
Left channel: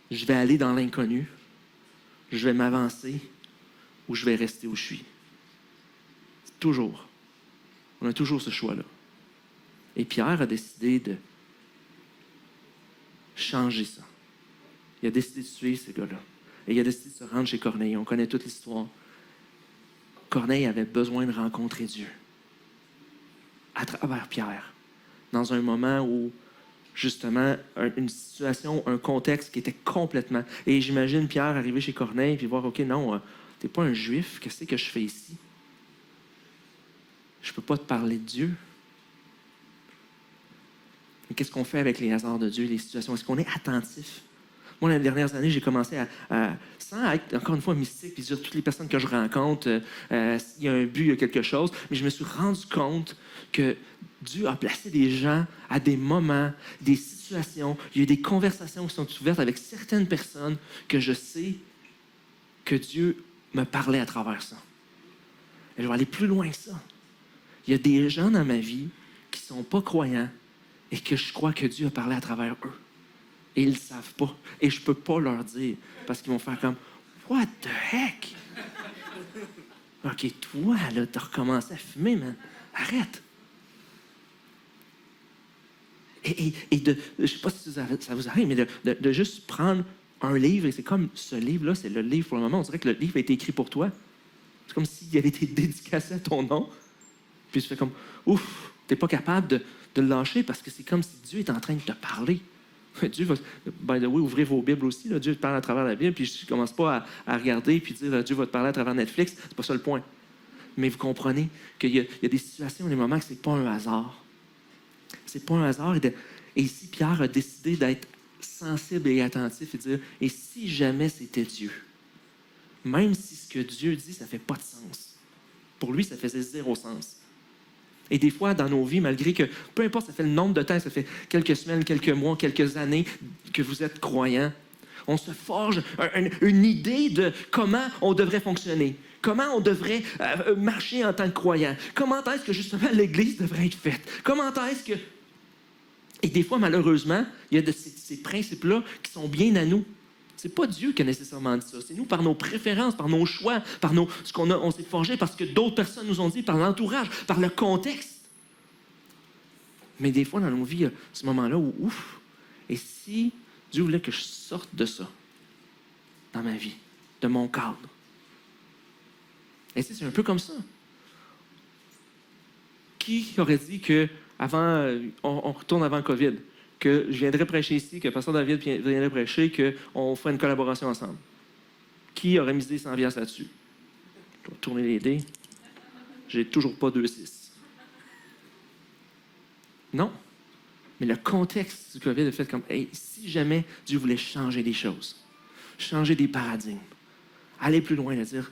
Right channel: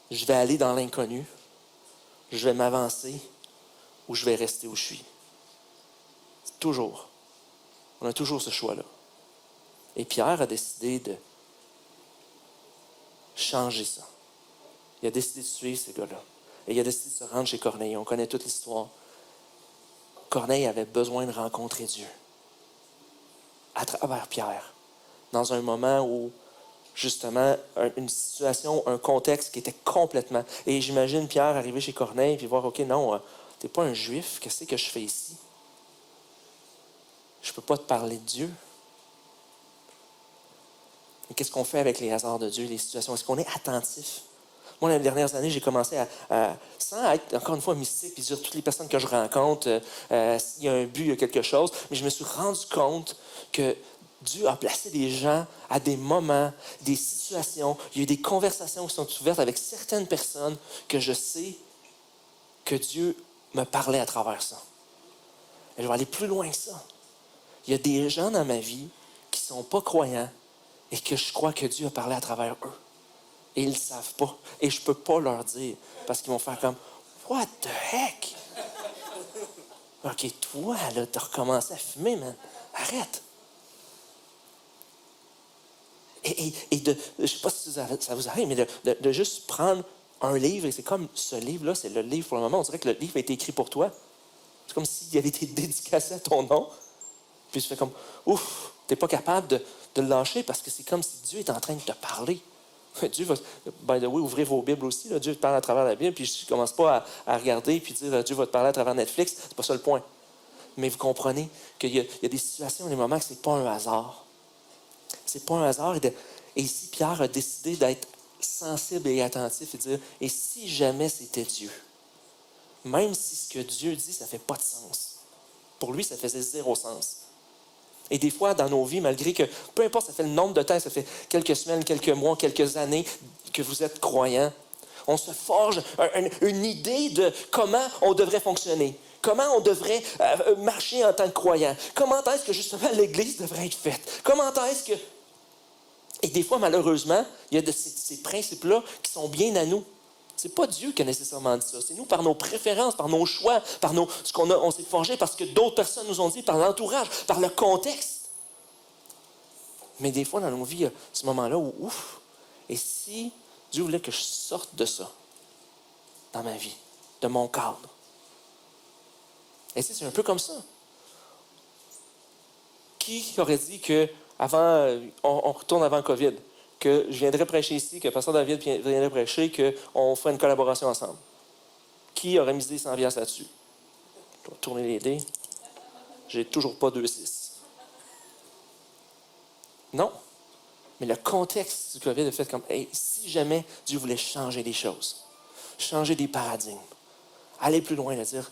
je vais aller dans l'inconnu, je vais m'avancer ou je vais rester où je suis. Toujours. On a toujours ce choix-là. Et Pierre a décidé de changer ça. Il a décidé de suivre ces gars-là. Et il a décidé de se rendre chez Corneille. On connaît toute l'histoire. Corneille avait besoin de rencontrer Dieu. À travers Pierre. Dans un moment où, justement, une situation, un contexte qui était complètement... Et j'imagine Pierre arriver chez Corneille et voir, OK, non, t'es pas un juif, qu'est-ce que je fais ici? Je ne peux pas te parler de Dieu. Mais qu'est-ce qu'on fait avec les hasards de Dieu, les situations? Est-ce qu'on est attentif? Moi, les dernières années, j'ai commencé à sans être, encore une fois, mystique, puis dire toutes les personnes que je rencontre, il y a un but, il y a quelque chose, mais je me suis rendu compte que Dieu a placé des gens à des moments, des situations, il y a eu des conversations qui sont ouvertes avec certaines personnes que je sais que Dieu me parlait à travers ça. Et je vais aller plus loin que ça. Il y a des gens dans ma vie qui ne sont pas croyants et que je crois que Dieu a parlé à travers eux. Et ils ne le savent pas. Et je ne peux pas leur dire parce qu'ils vont faire comme « What the heck? » OK, toi, là, tu as recommencé à fumer, man. Arrête. Et je ne sais pas si ça vous arrive, mais de juste prendre un livre, et c'est comme ce livre-là, c'est le livre pour le moment. On dirait que le livre a été écrit pour toi. C'est comme s'il avait été dédicacé à ton nom. Puis tu fais comme, ouf, tu n'es pas capable de le lâcher parce que c'est comme si Dieu est en train de te parler. Dieu va, by the way, ouvrez vos Bibles aussi. Là. Dieu te parle à travers la Bible, puis je ne commence pas à regarder puis dire Dieu va te parler à travers Netflix. C'est pas ça le point. Mais vous comprenez qu'il y a des situations, des moments que ce n'est pas un hasard. C'est pas un hasard. Et ici, Pierre a décidé d'être sensible et attentif et de dire, et si jamais c'était Dieu? Même si ce que Dieu dit, ça ne fait pas de sens. Pour lui, ça faisait 0 sens. Et des fois, dans nos vies, malgré que, peu importe, ça fait le nombre de temps, ça fait quelques semaines, quelques mois, quelques années que vous êtes croyants, on se forge une idée de comment on devrait fonctionner, comment on devrait marcher en tant que croyant, comment est-ce que, justement, l'Église devrait être faite, comment est-ce que... Et des fois, malheureusement, il y a ces principes-là qui sont bien à nous. C'est pas Dieu qui a nécessairement dit ça. C'est nous, par nos préférences, par nos choix, par ce on s'est forgé, parce que d'autres personnes nous ont dit, par l'entourage, par le contexte. Mais des fois, dans nos vies, il y a ce moment-là où, ouf, et si Dieu voulait que je sorte de ça, dans ma vie, de mon cadre? Et c'est un peu comme ça. Qui aurait dit que avant, on retourne avant COVID, que je viendrais prêcher ici, que Pasteur David viendrait prêcher, qu'on ferait une collaboration ensemble? Qui aurait misé 100$ là-dessus? Je vais tourner les dés. J'ai toujours pas 2,6. Non. Mais le contexte du COVID a fait comme, hey, si jamais Dieu voulait changer des choses, changer des paradigmes, aller plus loin, dire,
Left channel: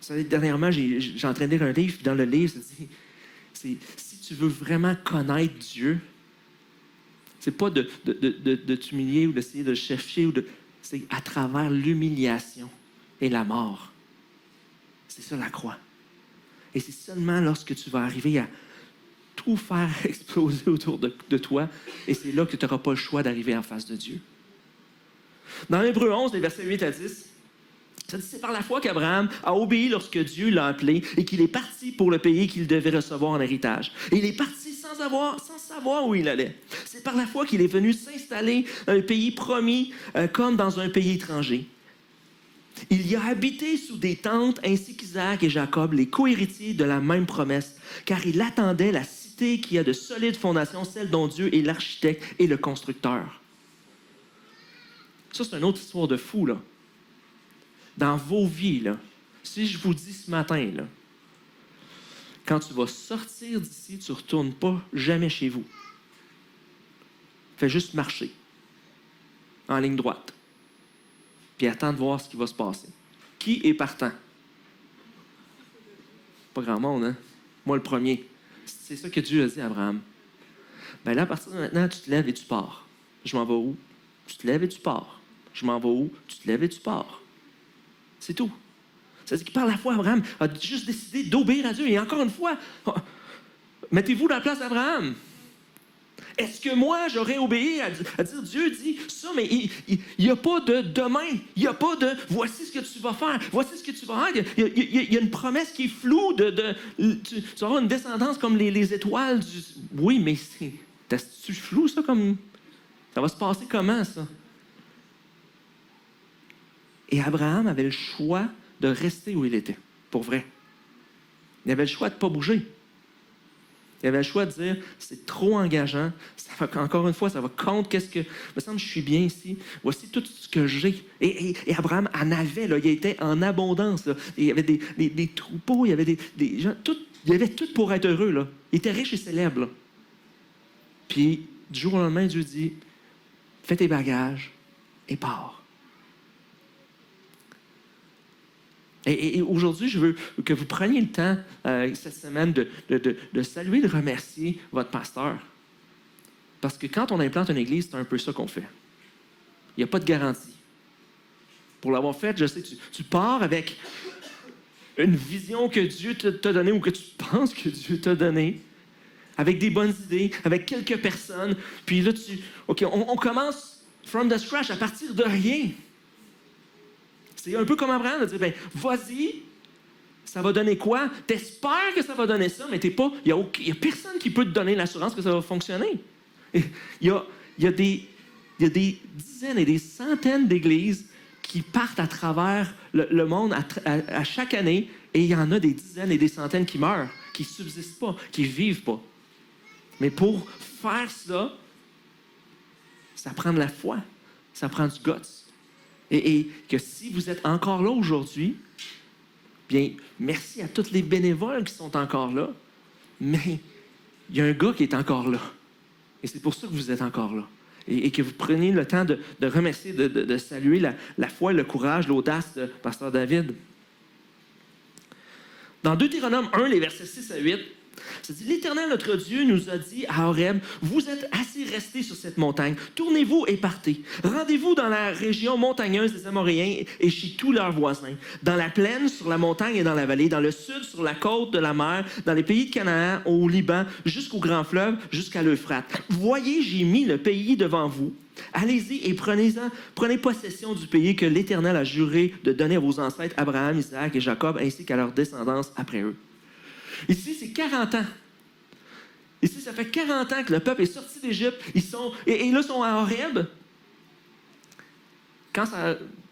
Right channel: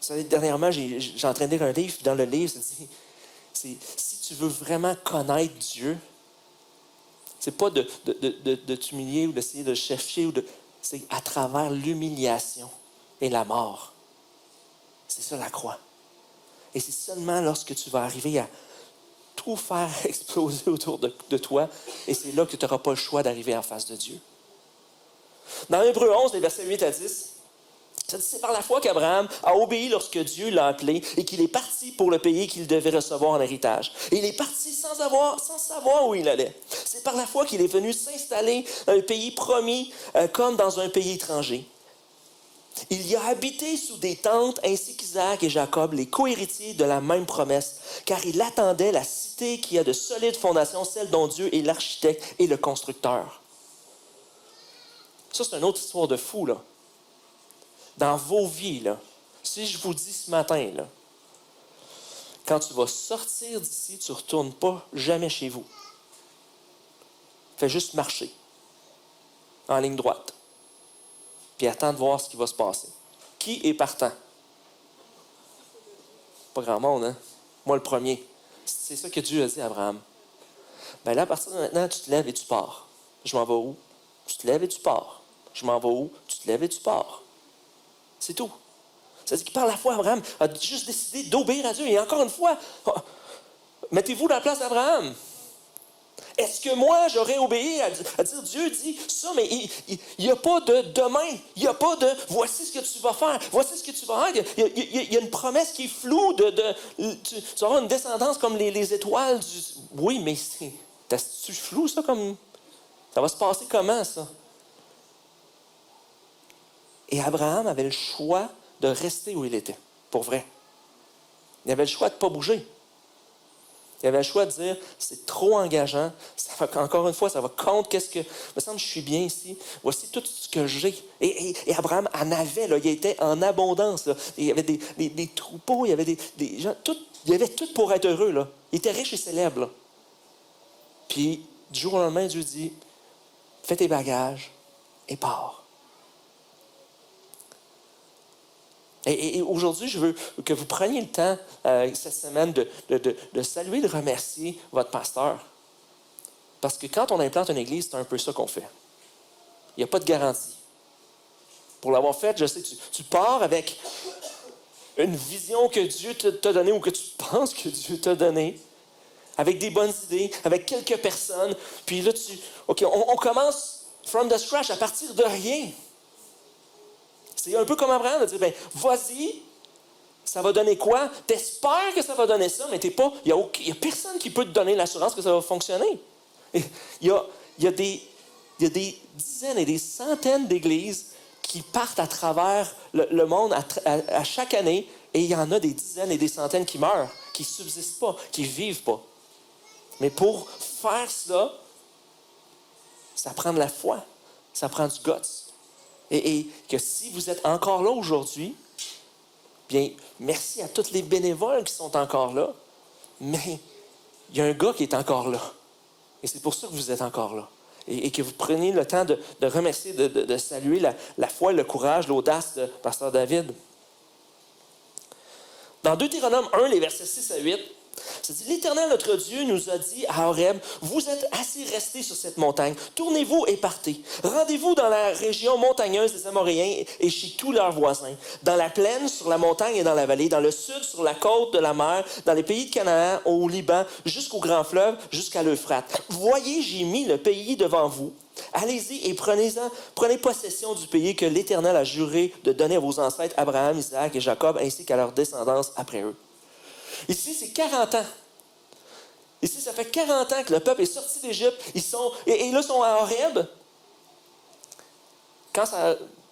vous savez, dernièrement, j'ai en train de lire un livre, puis dans le livre, ça dit, si tu veux vraiment connaître Dieu, c'est pas de t'humilier ou d'essayer de le chercher, c'est à travers l'humiliation et la mort. C'est ça la croix. Et c'est seulement lorsque tu vas arriver à tout faire exploser autour de toi, et c'est là que tu n'auras pas le choix d'arriver en face de Dieu. Dans Hébreux 11, les versets 8 à 10, Ça dit, c'est par la foi qu'Abraham a obéi lorsque Dieu l'a appelé et qu'il est parti pour le pays qu'il devait recevoir en héritage. Et il est parti sans savoir où il allait. C'est par la foi qu'il est venu s'installer dans un pays promis comme dans un pays étranger. Il y a habité sous des tentes ainsi qu'Isaac et Jacob, les co-héritiers de la même promesse, car il attendait la cité qui a de solides fondations, celle dont Dieu est l'architecte et le constructeur. Ça, c'est une autre histoire de fou, là. Dans vos vies, là, si je vous dis ce matin, là, quand tu vas sortir d'ici, tu ne retournes pas jamais chez vous. Fais juste marcher en ligne droite. Puis attends de voir ce qui va se passer. Qui est partant? Pas grand monde, hein? Moi, le premier. C'est ça que Dieu a dit à Abraham. Bien là, à partir de maintenant, tu te lèves et tu pars. Je m'en vais où? Tu te lèves et tu pars. Je m'en vais où? Tu te lèves et tu pars. C'est tout. C'est-à-dire que par la foi, Abraham a juste décidé d'obéir à Dieu. Et encore une fois, mettez-vous dans la place d'Abraham. Est-ce que moi, j'aurais obéi à dire, Dieu dit ça, mais il n'y a pas de demain. Il n'y a pas de voici ce que tu vas faire, voici ce que tu vas faire. Il y a une promesse qui est floue. Tu vas avoir une descendance comme les étoiles. Oui, mais c'est flou, ça, comme. Ça va se passer comment, ça? Et Abraham avait le choix de rester où il était, pour vrai. Il avait le choix de ne pas bouger. Il avait le choix de dire, c'est trop engageant, encore une fois, ça va contre qu'est-ce que... Il me semble que je suis bien ici, voici tout ce que j'ai. Et Abraham en avait, là, il était en abondance. Là. Il y avait des troupeaux, il y avait des gens, il y avait tout pour être heureux. Là. Il était riche et célèbre. Là. Puis, du jour au lendemain, Dieu dit, fais tes bagages et pars. Et aujourd'hui, je veux que vous preniez le temps cette semaine de saluer, de remercier votre pasteur. Parce que quand on implante une église, c'est un peu ça qu'on fait. Il n'y a pas de garantie. Pour l'avoir fait, je sais, tu pars avec une vision que Dieu t'a donnée ou que tu penses que Dieu t'a donnée, avec des bonnes idées, avec quelques personnes. Puis là, on commence from the scratch, à partir de rien. C'est un peu comme Abraham de dire, ben, vas-y, ça va donner quoi? T'espères que ça va donner ça, mais il n'y a personne qui peut te donner l'assurance que ça va fonctionner. Il y a des dizaines et des centaines d'églises qui partent à travers le monde à chaque année, et il y en a des dizaines et des centaines qui meurent, qui ne subsistent pas, qui ne vivent pas. Mais pour faire ça, ça prend de la foi, ça prend du guts. Et que si vous êtes encore là aujourd'hui, bien, merci à tous les bénévoles qui sont encore là, mais il y a un gars qui est encore là. Et c'est pour ça que vous êtes encore là. Et que vous preniez le temps de remercier, de saluer la foi, le courage, l'audace de Pasteur David. Dans Deutéronome 1, les versets 6 à 8, ça dit, l'Éternel, notre Dieu, nous a dit à Horeb, vous êtes assez restés sur cette montagne. Tournez-vous et partez. Rendez-vous dans la région montagneuse des Amoréens et chez tous leurs voisins. Dans la plaine, sur la montagne et dans la vallée. Dans le sud, sur la côte de la mer. Dans les pays de Canaan, au Liban, jusqu'au grand fleuve, jusqu'à l'Euphrate. Voyez, j'ai mis le pays devant vous. Allez-y et prenez possession du pays que l'Éternel a juré de donner à vos ancêtres Abraham, Isaac et Jacob, ainsi qu'à leur descendance après eux. Ici, c'est 40 ans. Ici, ça fait 40 ans que le peuple est sorti d'Égypte. Et là, ils sont à Horeb.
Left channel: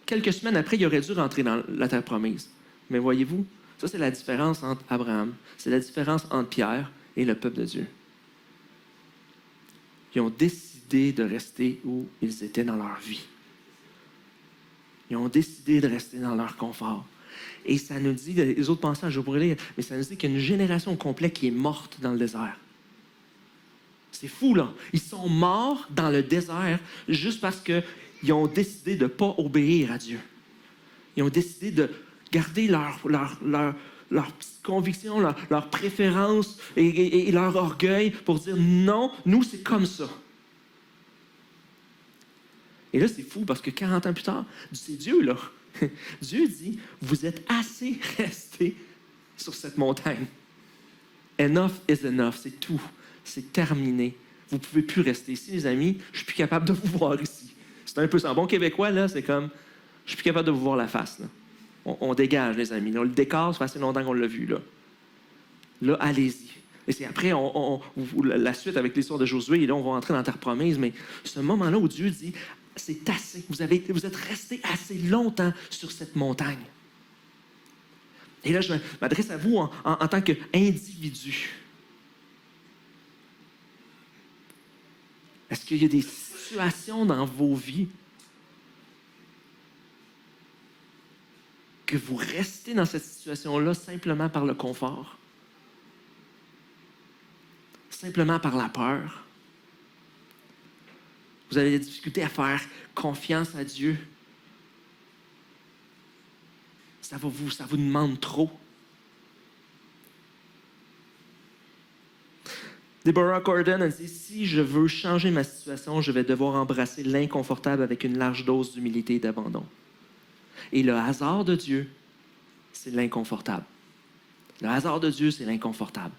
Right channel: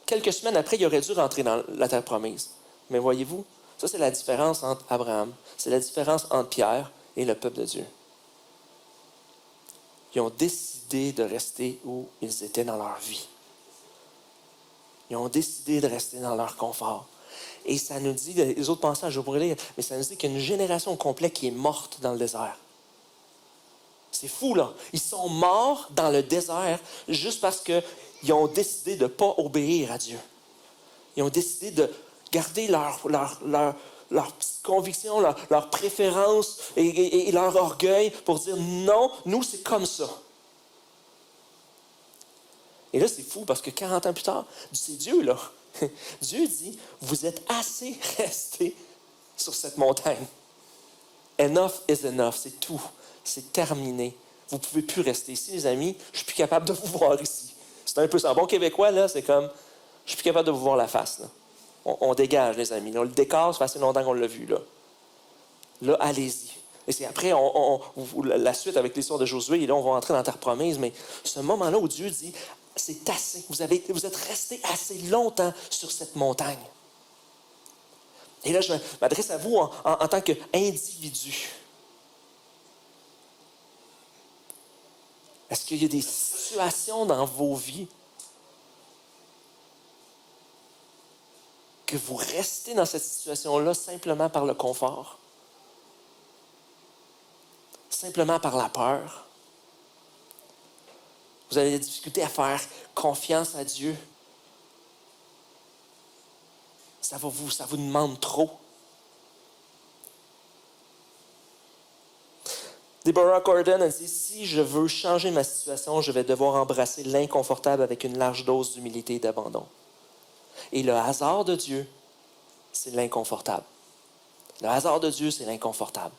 Quelques semaines après, il aurait dû rentrer dans la terre promise. Mais voyez-vous, ça, c'est la différence entre Abraham. C'est la différence entre Pierre et le peuple de Dieu. Ils ont décidé de rester où ils étaient dans leur vie. Ils ont décidé de rester dans leur confort. Et ça nous dit, les autres passages, je pourrais lire, mais ça nous dit qu'il y a une génération complète qui est morte dans le désert. C'est fou, là. Ils sont morts dans le désert juste parce qu'ils ont décidé de ne pas obéir à Dieu. Ils ont décidé de garder leur petite conviction, leur préférence et leur orgueil pour dire non, nous, c'est comme ça. Et là, c'est fou parce que 40 ans plus tard, c'est Dieu, là. Dieu dit, vous êtes assez restés sur cette montagne. Enough is enough, c'est tout. C'est terminé. Vous ne pouvez plus rester ici, les amis. Je ne suis plus capable de vous voir ici. C'est un peu ça. En bon québécois, là, c'est comme, je ne suis plus capable de vous voir la face. Là. On dégage, les amis. Là, le décor, ça fait assez longtemps qu'on l'a vu. Là, allez-y. Et c'est après, la suite avec l'histoire de Josué, et là, on va entrer dans la terre promise, mais ce moment-là où Dieu dit, c'est assez. Vous êtes restés assez longtemps sur cette montagne. Et là, je m'adresse à vous en tant qu'individu. Est-ce qu'il y a des situations dans vos vies que vous restez dans cette situation-là simplement par le confort? Simplement par la peur? Vous avez des difficultés à faire confiance à Dieu? Ça vous demande trop. Deborah Gordon a dit, si je veux changer ma situation, je vais devoir embrasser l'inconfortable avec une large dose d'humilité et d'abandon. Et le hasard de Dieu, c'est l'inconfortable. Le hasard de Dieu, c'est l'inconfortable.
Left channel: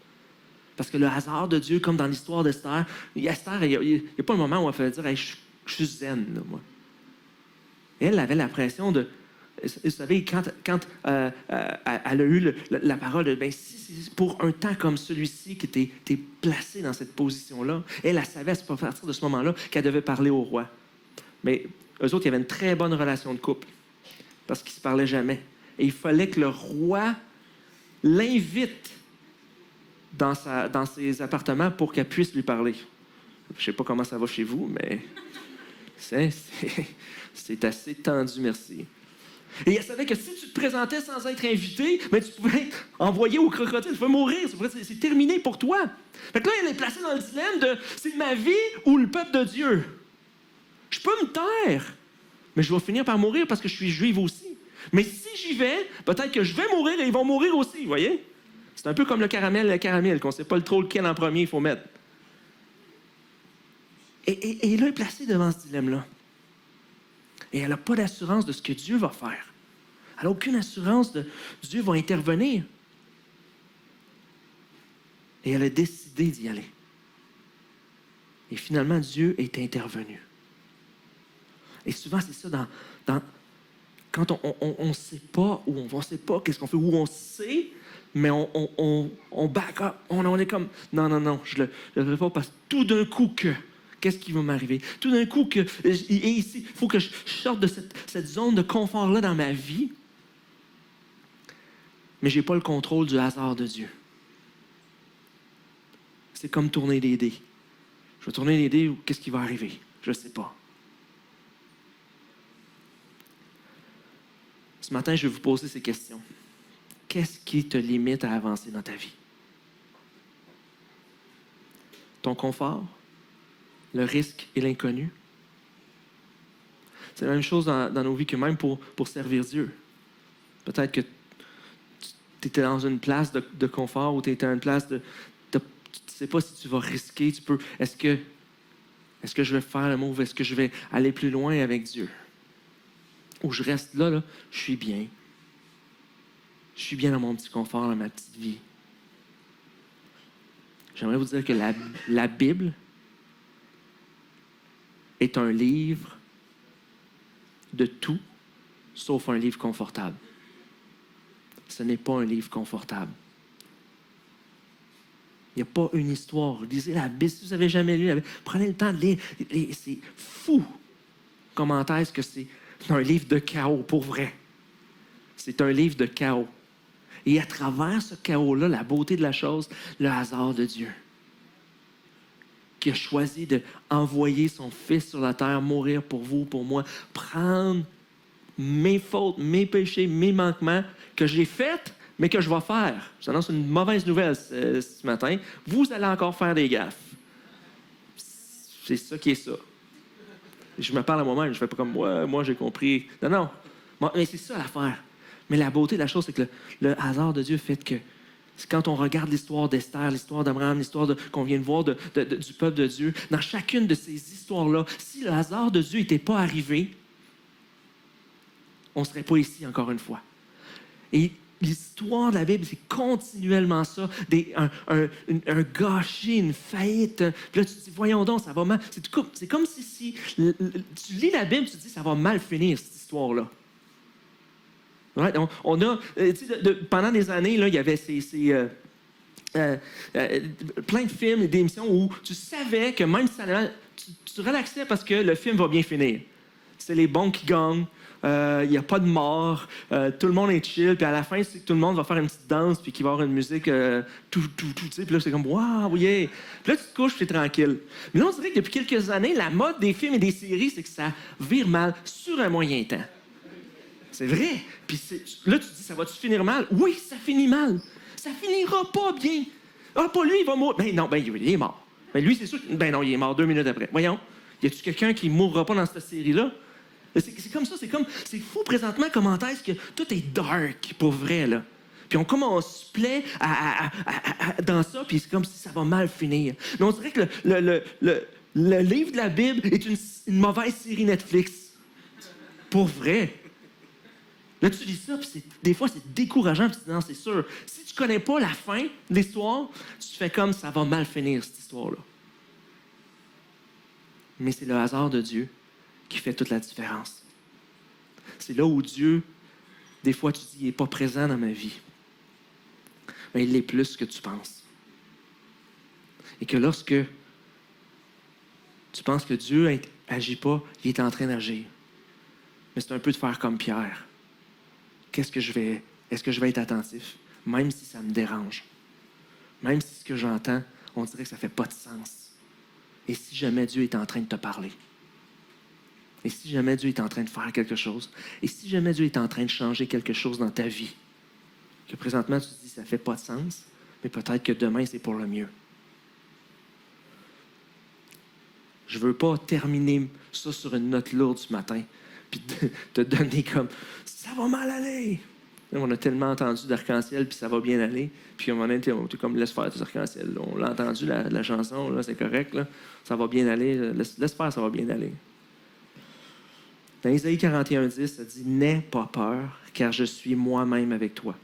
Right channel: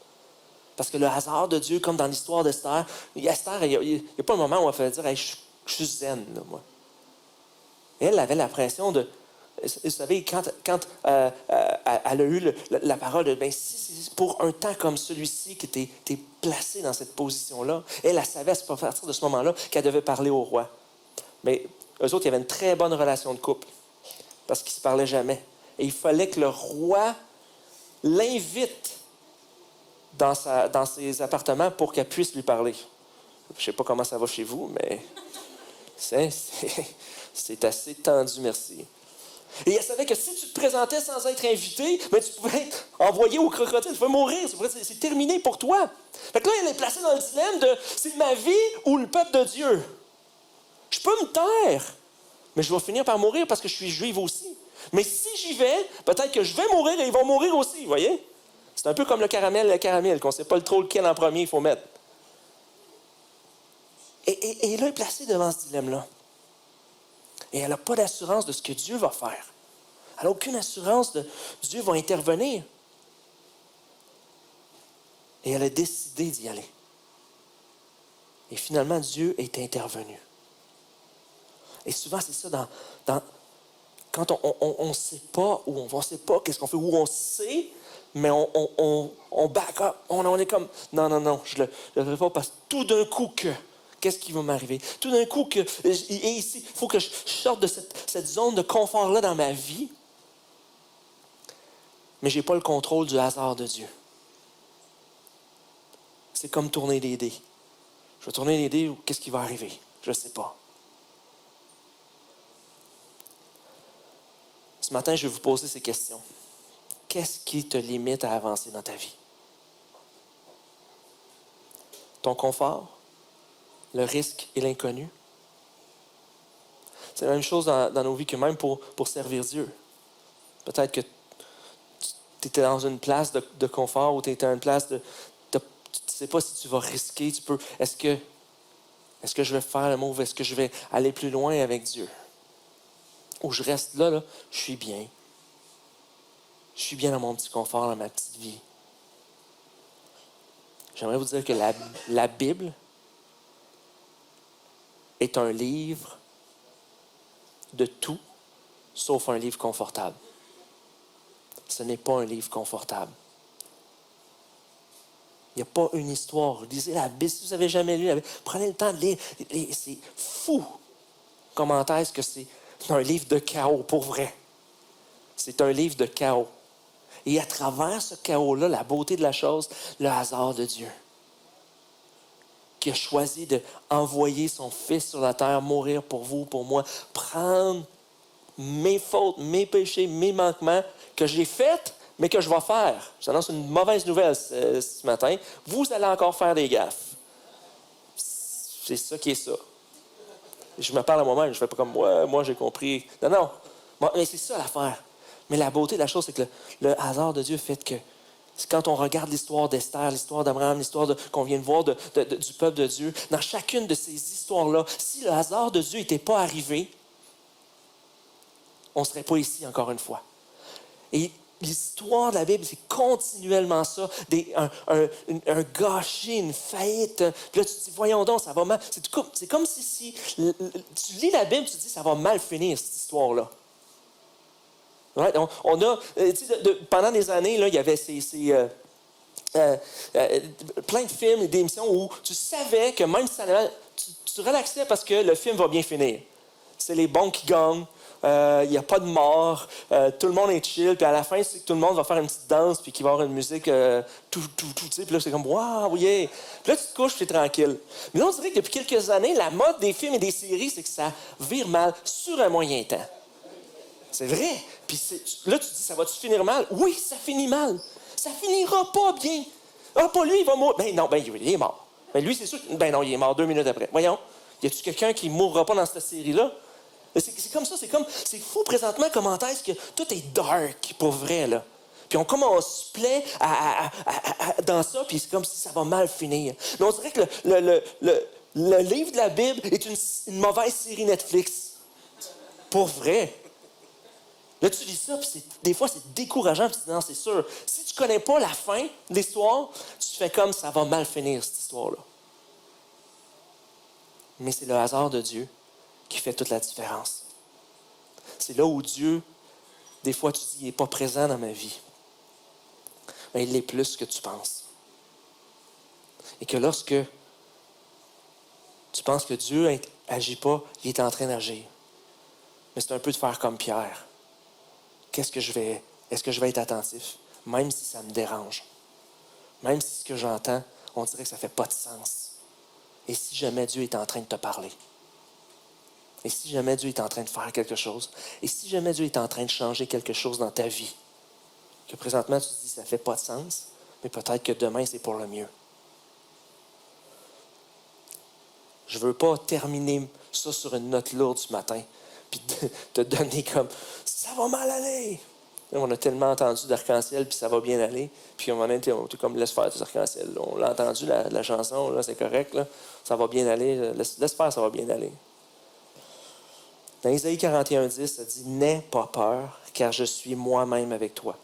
Parce que le hasard de Dieu, comme dans l'histoire d'Esther, Esther, il n'y a pas un moment où elle fait dire hey, je suis zen, là, moi. Et elle avait l'impression de. Vous savez, quand elle a eu la parole de si c'est pour un temps comme celui-ci que tu es placé dans cette position-là, elle savait à partir de ce moment-là qu'elle devait parler au roi. Mais eux autres, il y avait une très bonne relation de couple parce qu'ils ne se parlaient jamais. Et il fallait que le roi l'invite dans ses appartements pour qu'elle puisse lui parler. Je ne sais pas comment ça va chez vous, mais c'est assez tendu, merci. Et elle savait que si tu te présentais sans être invité, mais tu pouvais être envoyé au crocodile, tu pouvais mourir, c'est terminé pour toi. Fait que là, elle est placée dans le dilemme de c'est ma vie ou le peuple de Dieu. Je peux me taire, mais je vais finir par mourir parce que je suis juive aussi. Mais si j'y vais, peut-être que je vais mourir et ils vont mourir aussi, vous voyez? C'est un peu comme le caramel, qu'on ne sait pas trop lequel en premier il faut mettre. Et là, elle est placée devant ce dilemme-là. Et elle n'a pas d'assurance de ce que Dieu va faire. Elle n'a aucune assurance de Dieu va intervenir. Et elle a décidé d'y aller. Et finalement, Dieu est intervenu. Et souvent, c'est ça quand on ne sait pas où on ne sait pas qu'est-ce qu'on fait, où on sait, mais on back up. On est comme, non, je ne le ferai pas parce que tout d'un coup qu'est-ce qui va m'arriver? Tout d'un coup, et ici, il faut que je sorte de cette zone de confort-là dans ma vie. Mais je n'ai pas le contrôle du hasard de Dieu. C'est comme tourner les dés. Je vais tourner les dés, qu'est-ce qui va arriver? Je ne sais pas. Ce matin, je vais vous poser ces questions. Qu'est-ce qui te limite à avancer dans ta vie? Ton confort? Le risque et l'inconnu? C'est la même chose dans nos vies que même pour servir Dieu. Peut-être que tu étais dans une place de confort ou tu étais dans une place tu ne sais pas si tu vas risquer. Est-ce que je vais faire le move? Est-ce que je vais aller plus loin avec Dieu? Ou je reste là, je suis bien. Je suis bien dans mon petit confort, dans ma petite vie. J'aimerais vous dire que la Bible est un livre de tout, sauf un livre confortable. Ce n'est pas un livre confortable. Il n'y a pas une histoire. Lisez la Bible. Si vous n'avez jamais lu la Bible, prenez le temps de lire. C'est fou comment est-ce que c'est un livre de chaos, pour vrai. C'est un livre de chaos. Et à travers ce chaos-là, la beauté de la chose, le hasard de Dieu, qui a choisi d'envoyer son Fils sur la terre, mourir pour vous, pour moi, prendre mes fautes, mes péchés, mes manquements que j'ai faits, mais que je vais faire. Je vous annonce une mauvaise nouvelle ce matin. Vous allez encore faire des gaffes. C'est ça qui est ça. Je me parle à moi-même, je ne fais pas comme moi j'ai compris. Non. Bon, mais c'est ça l'affaire. Mais la beauté de la chose, c'est que le hasard de Dieu fait que quand on regarde l'histoire d'Esther, l'histoire d'Abraham, l'histoire qu'on vient de voir du peuple de Dieu, dans chacune de ces histoires-là, si le hasard de Dieu n'était pas arrivé, on ne serait pas ici encore une fois. Et l'histoire de la Bible, c'est continuellement ça. Un gâchis, une faillite. Puis là, tu te dis, voyons donc, ça va mal. C'est comme si tu lis la Bible, tu te dis, ça va mal finir, cette histoire-là. Ouais, on a, tu sais, pendant des années, là, il y avait plein de films et d'émissions où tu savais que même si ça allait mal, tu relaxais parce que le film va bien finir. C'est les bons qui gagnent. Il n'y a pas de mort. Tout le monde est chill. Puis à la fin, c'est que tout le monde va faire une petite danse puis qu'il va y avoir une musique tu sais. Puis là, c'est comme « Waouh, yeah! » Puis là, tu te couches, tu es tranquille. Mais là, on dirait que depuis quelques années, la mode des films et des séries, c'est que ça vire mal sur un moyen temps. C'est vrai. Puis là, tu te dis « Ça va-tu finir mal? » Oui, ça finit mal. Ça finira pas bien. Ah, pas lui, il va mourir. Ben non, ben il est mort. Ben lui, c'est sûr que... Ben non, il est mort 2 minutes après. Voyons, y a-tu quelqu'un qui mourra pas dans cette série-là? C'est comme ça, c'est fou présentement comment est-ce que tout est dark, pour vrai, là. Puis on se plaît dans ça, puis c'est comme si ça va mal finir. Mais on dirait que le livre de la Bible est une mauvaise série Netflix. Pour vrai. Là, tu lis ça, puis des fois, c'est décourageant, puis tu dis, non, c'est sûr. Si tu connais pas la fin de l'histoire, tu fais comme ça va mal finir, cette histoire-là. Mais c'est le hasard de Dieu qui fait toute la différence. C'est là où Dieu, des fois, tu dis, il n'est pas présent dans ma vie. Mais il l'est plus que tu penses. Et que lorsque tu penses que Dieu n'agit pas, il est en train d'agir. Mais c'est un peu de faire comme Pierre. Est-ce que je vais être attentif, même si ça me dérange? Même si ce que j'entends, on dirait que ça ne fait pas de sens. Et si jamais Dieu est en train de te parler? Et si jamais Dieu est en train de faire quelque chose? Et si jamais Dieu est en train de changer quelque chose dans ta vie? Que présentement, tu te dis, ça ne fait pas de sens, mais peut-être que demain, c'est pour le mieux. Je ne veux pas terminer ça sur une note lourde ce matin, puis te donner comme « ça va mal aller ». On a tellement entendu d'arc-en-ciel, puis ça va bien aller. Puis à un moment donné, on était comme « laisse faire tes arc-en-ciel ». On l'a entendu, la chanson, là, c'est correct, là. Ça va bien aller. Laisse faire, ça va bien aller. Dans Isaïe 41:10, ça dit « N'aie pas peur, car je suis moi-même avec toi.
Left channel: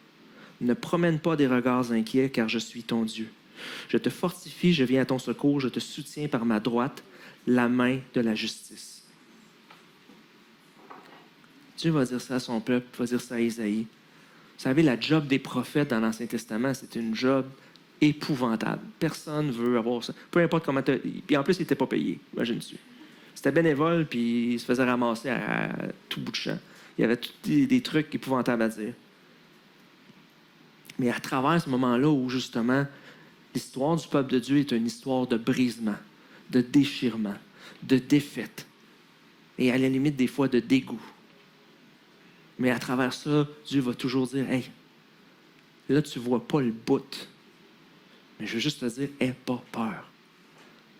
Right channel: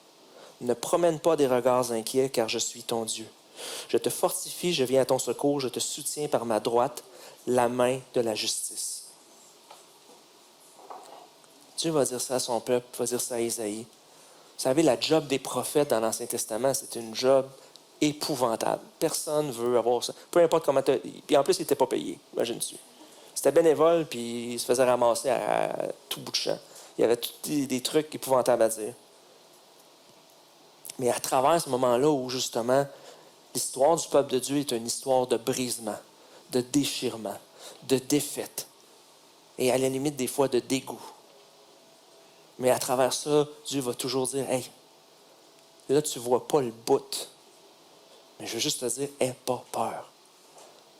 Ne promène pas des regards inquiets, car je suis ton Dieu. Je te fortifie, je viens à ton secours, je te soutiens par ma droite, la main de la justice. » Dieu va dire ça à son peuple, va dire ça à Isaïe. Vous savez, la job des prophètes dans l'Ancien Testament, c'est une job épouvantable. Personne ne veut avoir ça. Peu importe comment tu... Puis en plus, il n'était pas payé, imagine-tu. C'était bénévole, puis il se faisait ramasser à tout bout de champ. Il y avait tous des trucs épouvantables à dire. Mais à travers ce moment-là où, justement, l'histoire du peuple de Dieu est une histoire de brisement, de déchirement, de défaite, et à la limite, des fois, de dégoût. Mais à travers ça, Dieu va toujours dire « Hey, là, tu ne vois pas le bout. Mais je veux juste te dire, aie pas peur.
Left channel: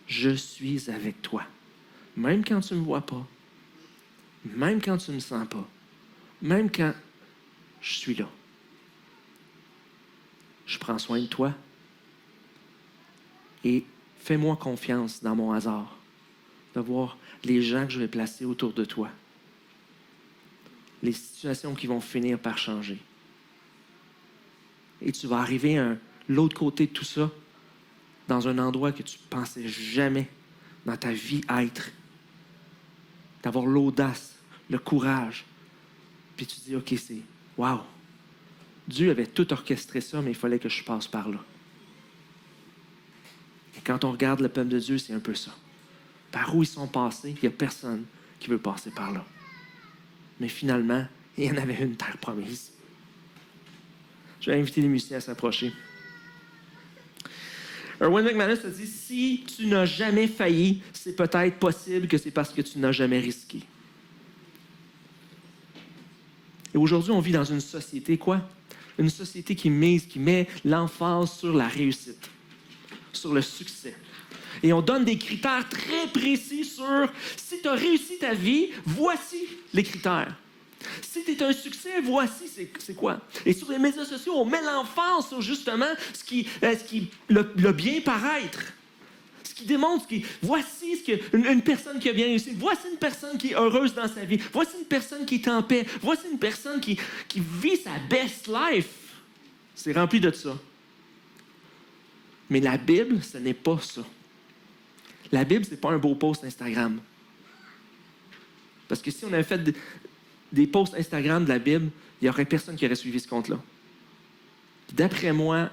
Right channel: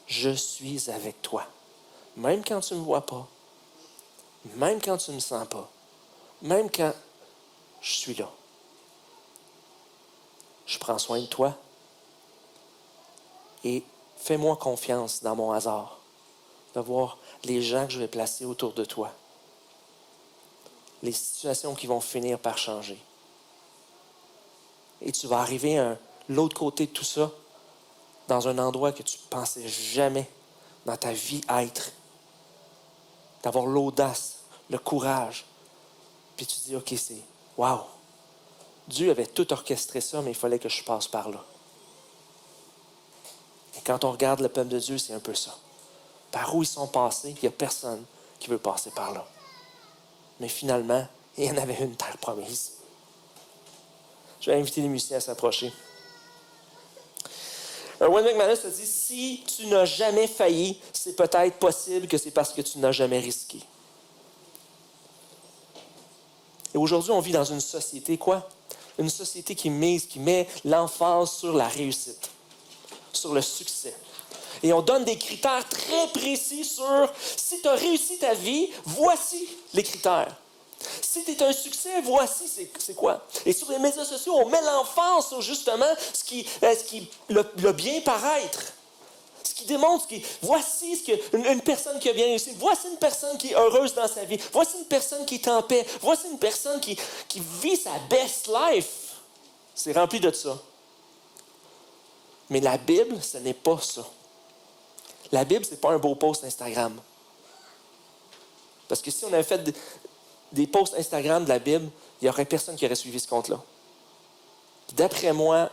Je suis avec toi. Même quand tu ne me vois pas. Même quand tu ne me sens pas. Même quand je suis là. Je prends soin de toi. Et fais-moi confiance dans mon hasard. De voir les gens que je vais placer autour de toi. Les situations qui vont finir par changer. Et tu vas arriver à l'autre côté de tout ça, dans un endroit que tu ne pensais jamais dans ta vie être. D'avoir l'audace, le courage. Puis tu te dis, OK, c'est wow. Dieu avait tout orchestré ça, mais il fallait que je passe par là. Et quand on regarde le peuple de Dieu, c'est un peu ça. Par où ils sont passés, il n'y a personne qui veut passer par là. Mais finalement, il y en avait une terre promise. Je vais inviter les musiciens à s'approcher. Erwin McManus a dit, si tu n'as jamais failli, c'est peut-être possible que c'est parce que tu n'as jamais risqué. Et aujourd'hui, on vit dans une société, quoi? Une société qui met l'emphase sur la réussite, sur le succès. Et on donne des critères très précis sur si tu as réussi ta vie, voici les critères. Si tu es un succès, voici c'est quoi. Et sur les médias sociaux, on met l'emphase sur justement le bien paraître. Ce qui démontre voici une personne qui a bien réussi. Voici une personne qui est heureuse dans sa vie. Voici une personne qui est en paix. Voici une personne qui vit sa best life. C'est rempli de ça. Mais la Bible, ce n'est pas ça. La Bible, ce n'est pas un beau post Instagram. Parce que si on avait fait des posts Instagram de la Bible, il n'y aurait personne qui aurait suivi ce compte-là. D'après moi,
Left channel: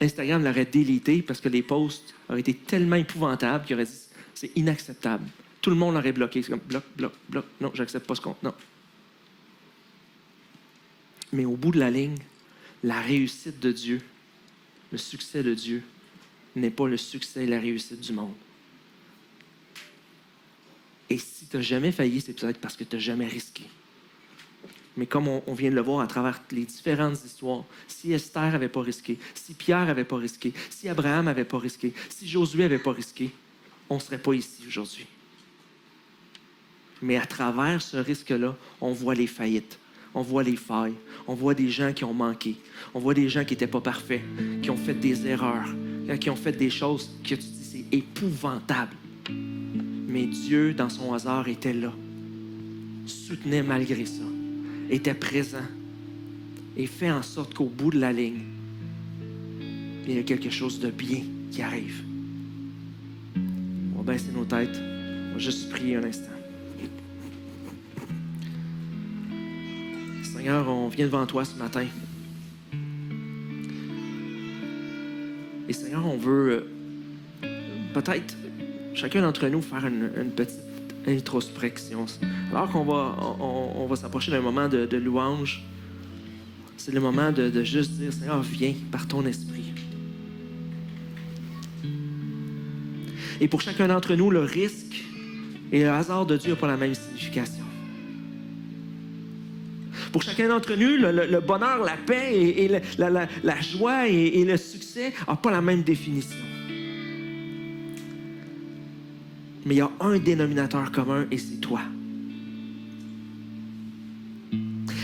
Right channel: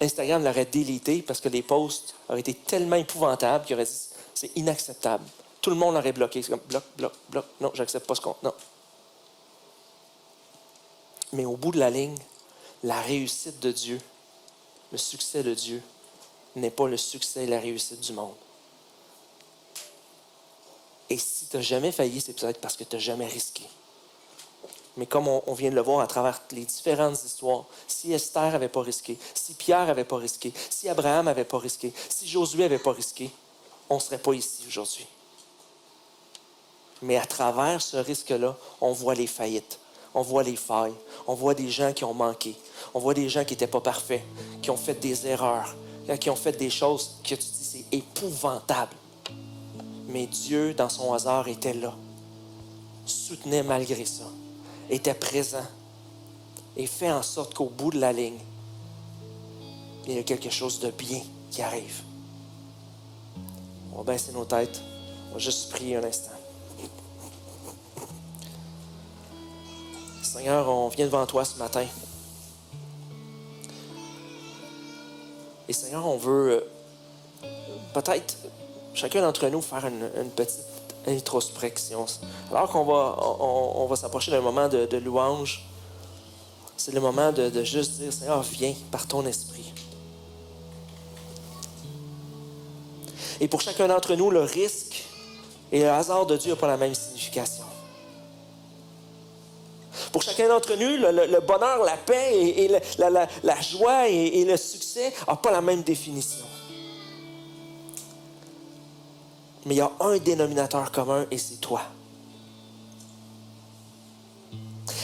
Instagram l'aurait délité parce que les posts auraient été tellement épouvantables qu'il aurait dit « c'est inacceptable ». Tout le monde l'aurait bloqué. C'est comme « bloc, bloc, bloc, non, j'accepte pas ce compte, non ». Mais au bout de la ligne, la réussite de Dieu, le succès de Dieu, n'est pas le succès et la réussite du monde. Et si tu n'as jamais failli, c'est peut-être parce que tu n'as jamais risqué. Mais comme on vient de le voir à travers les différentes histoires, si Esther n'avait pas risqué, si Pierre n'avait pas risqué, si Abraham n'avait pas risqué, si Josué n'avait pas risqué, on ne serait pas ici aujourd'hui. Mais à travers ce risque-là, on voit les faillites, on voit les failles, on voit des gens qui ont manqué, on voit des gens qui n'étaient pas parfaits, qui ont fait des erreurs, qui ont fait des choses que tu dis c'est épouvantable. Mais Dieu, dans son hasard, était là, soutenait malgré ça, était présent et fait en sorte qu'au bout de la ligne, il y a quelque chose de bien qui arrive. On va baisser nos têtes. On va juste prier un instant. Seigneur, on vient devant toi ce matin. Et Seigneur, on veut peut-être chacun d'entre nous faire une petite introspection. Alors qu'on va s'approcher d'un moment de louange, c'est le moment de juste dire, Seigneur, viens par ton esprit. Et pour chacun d'entre nous, le risque et le hasard de Dieu n'ont pas la même signification. Pour chacun d'entre nous, le bonheur, la paix et la joie et le succès n'ont pas la même définition. Mais il y a un dénominateur commun et c'est toi.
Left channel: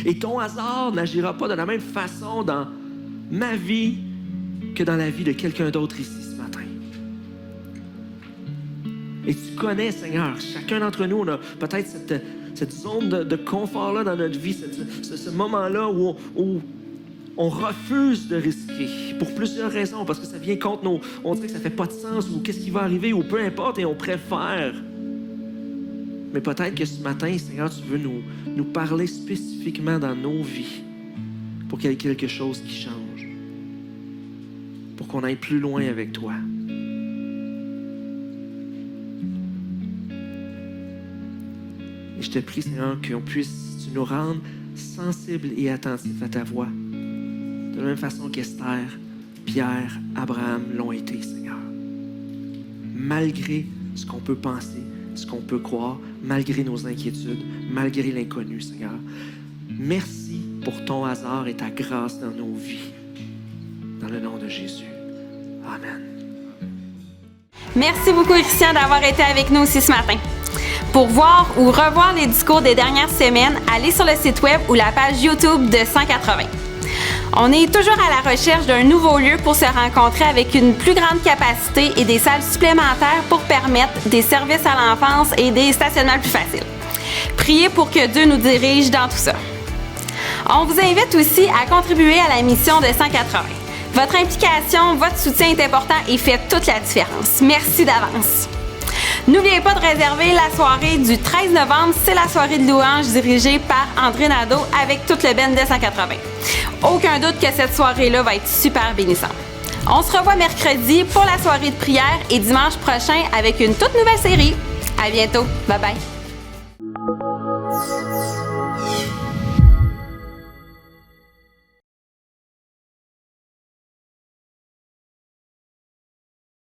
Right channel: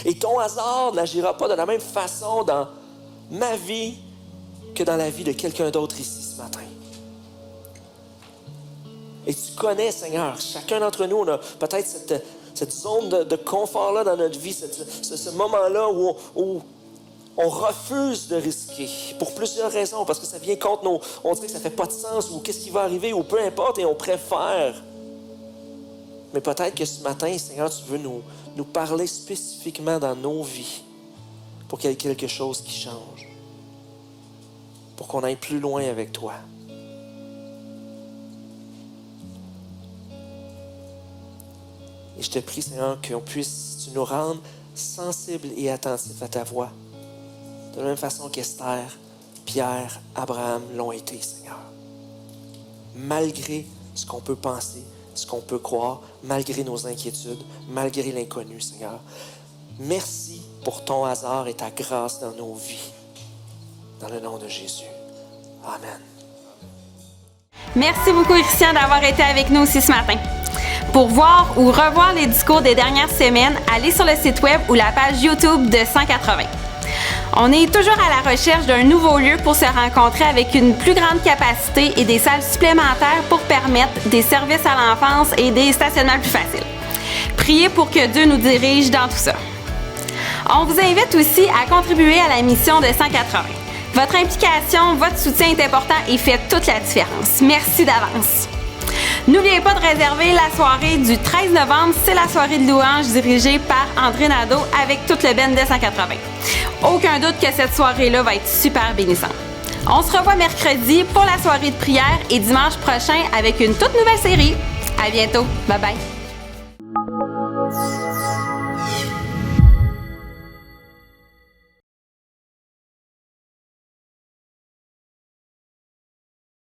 Et ton hasard n'agira pas de la même façon dans ma vie que dans la vie de quelqu'un d'autre ici ce matin. Et tu connais, Seigneur, chacun d'entre nous, on a peut-être cette zone de confort-là dans notre vie, ce moment-là où on refuse de risquer pour plusieurs raisons, parce que ça vient contre on dirait que ça ne fait pas de sens, ou qu'est-ce qui va arriver, ou peu importe, et on préfère. Mais peut-être que ce matin, Seigneur, tu veux nous parler spécifiquement dans nos vies pour qu'il y ait quelque chose qui change, pour qu'on aille plus loin avec toi. Et je te prie, Seigneur, qu'on puisse, tu nous rendre sensibles et attentifs à ta voix. De la même façon qu'Esther, Pierre, Abraham l'ont été, Seigneur. Malgré ce qu'on peut penser, ce qu'on peut croire, malgré nos inquiétudes, malgré l'inconnu, Seigneur. Merci pour ton hasard et ta grâce dans nos vies. Dans le nom de Jésus. Amen. Merci beaucoup, Christian, d'avoir été avec nous aussi ce matin. Pour voir ou revoir les discours des dernières semaines, allez sur le site web ou la page YouTube de 180. On est toujours à la recherche d'un nouveau lieu pour se rencontrer avec une plus grande capacité et des salles supplémentaires pour permettre des services à l'enfance et des stationnements plus faciles. Priez pour que Dieu nous dirige dans tout ça. On vous invite aussi à contribuer à la mission de 180. Votre implication, votre soutien est important et fait toute la différence. Merci d'avance. N'oubliez pas de réserver la soirée du 13 novembre. C'est la soirée de louange dirigée par André Nadeau avec toute le band de 180. Aucun doute que cette soirée-là va être super bénissante. On se revoit mercredi pour la soirée de prière et dimanche prochain avec une toute nouvelle série. À bientôt. Bye bye.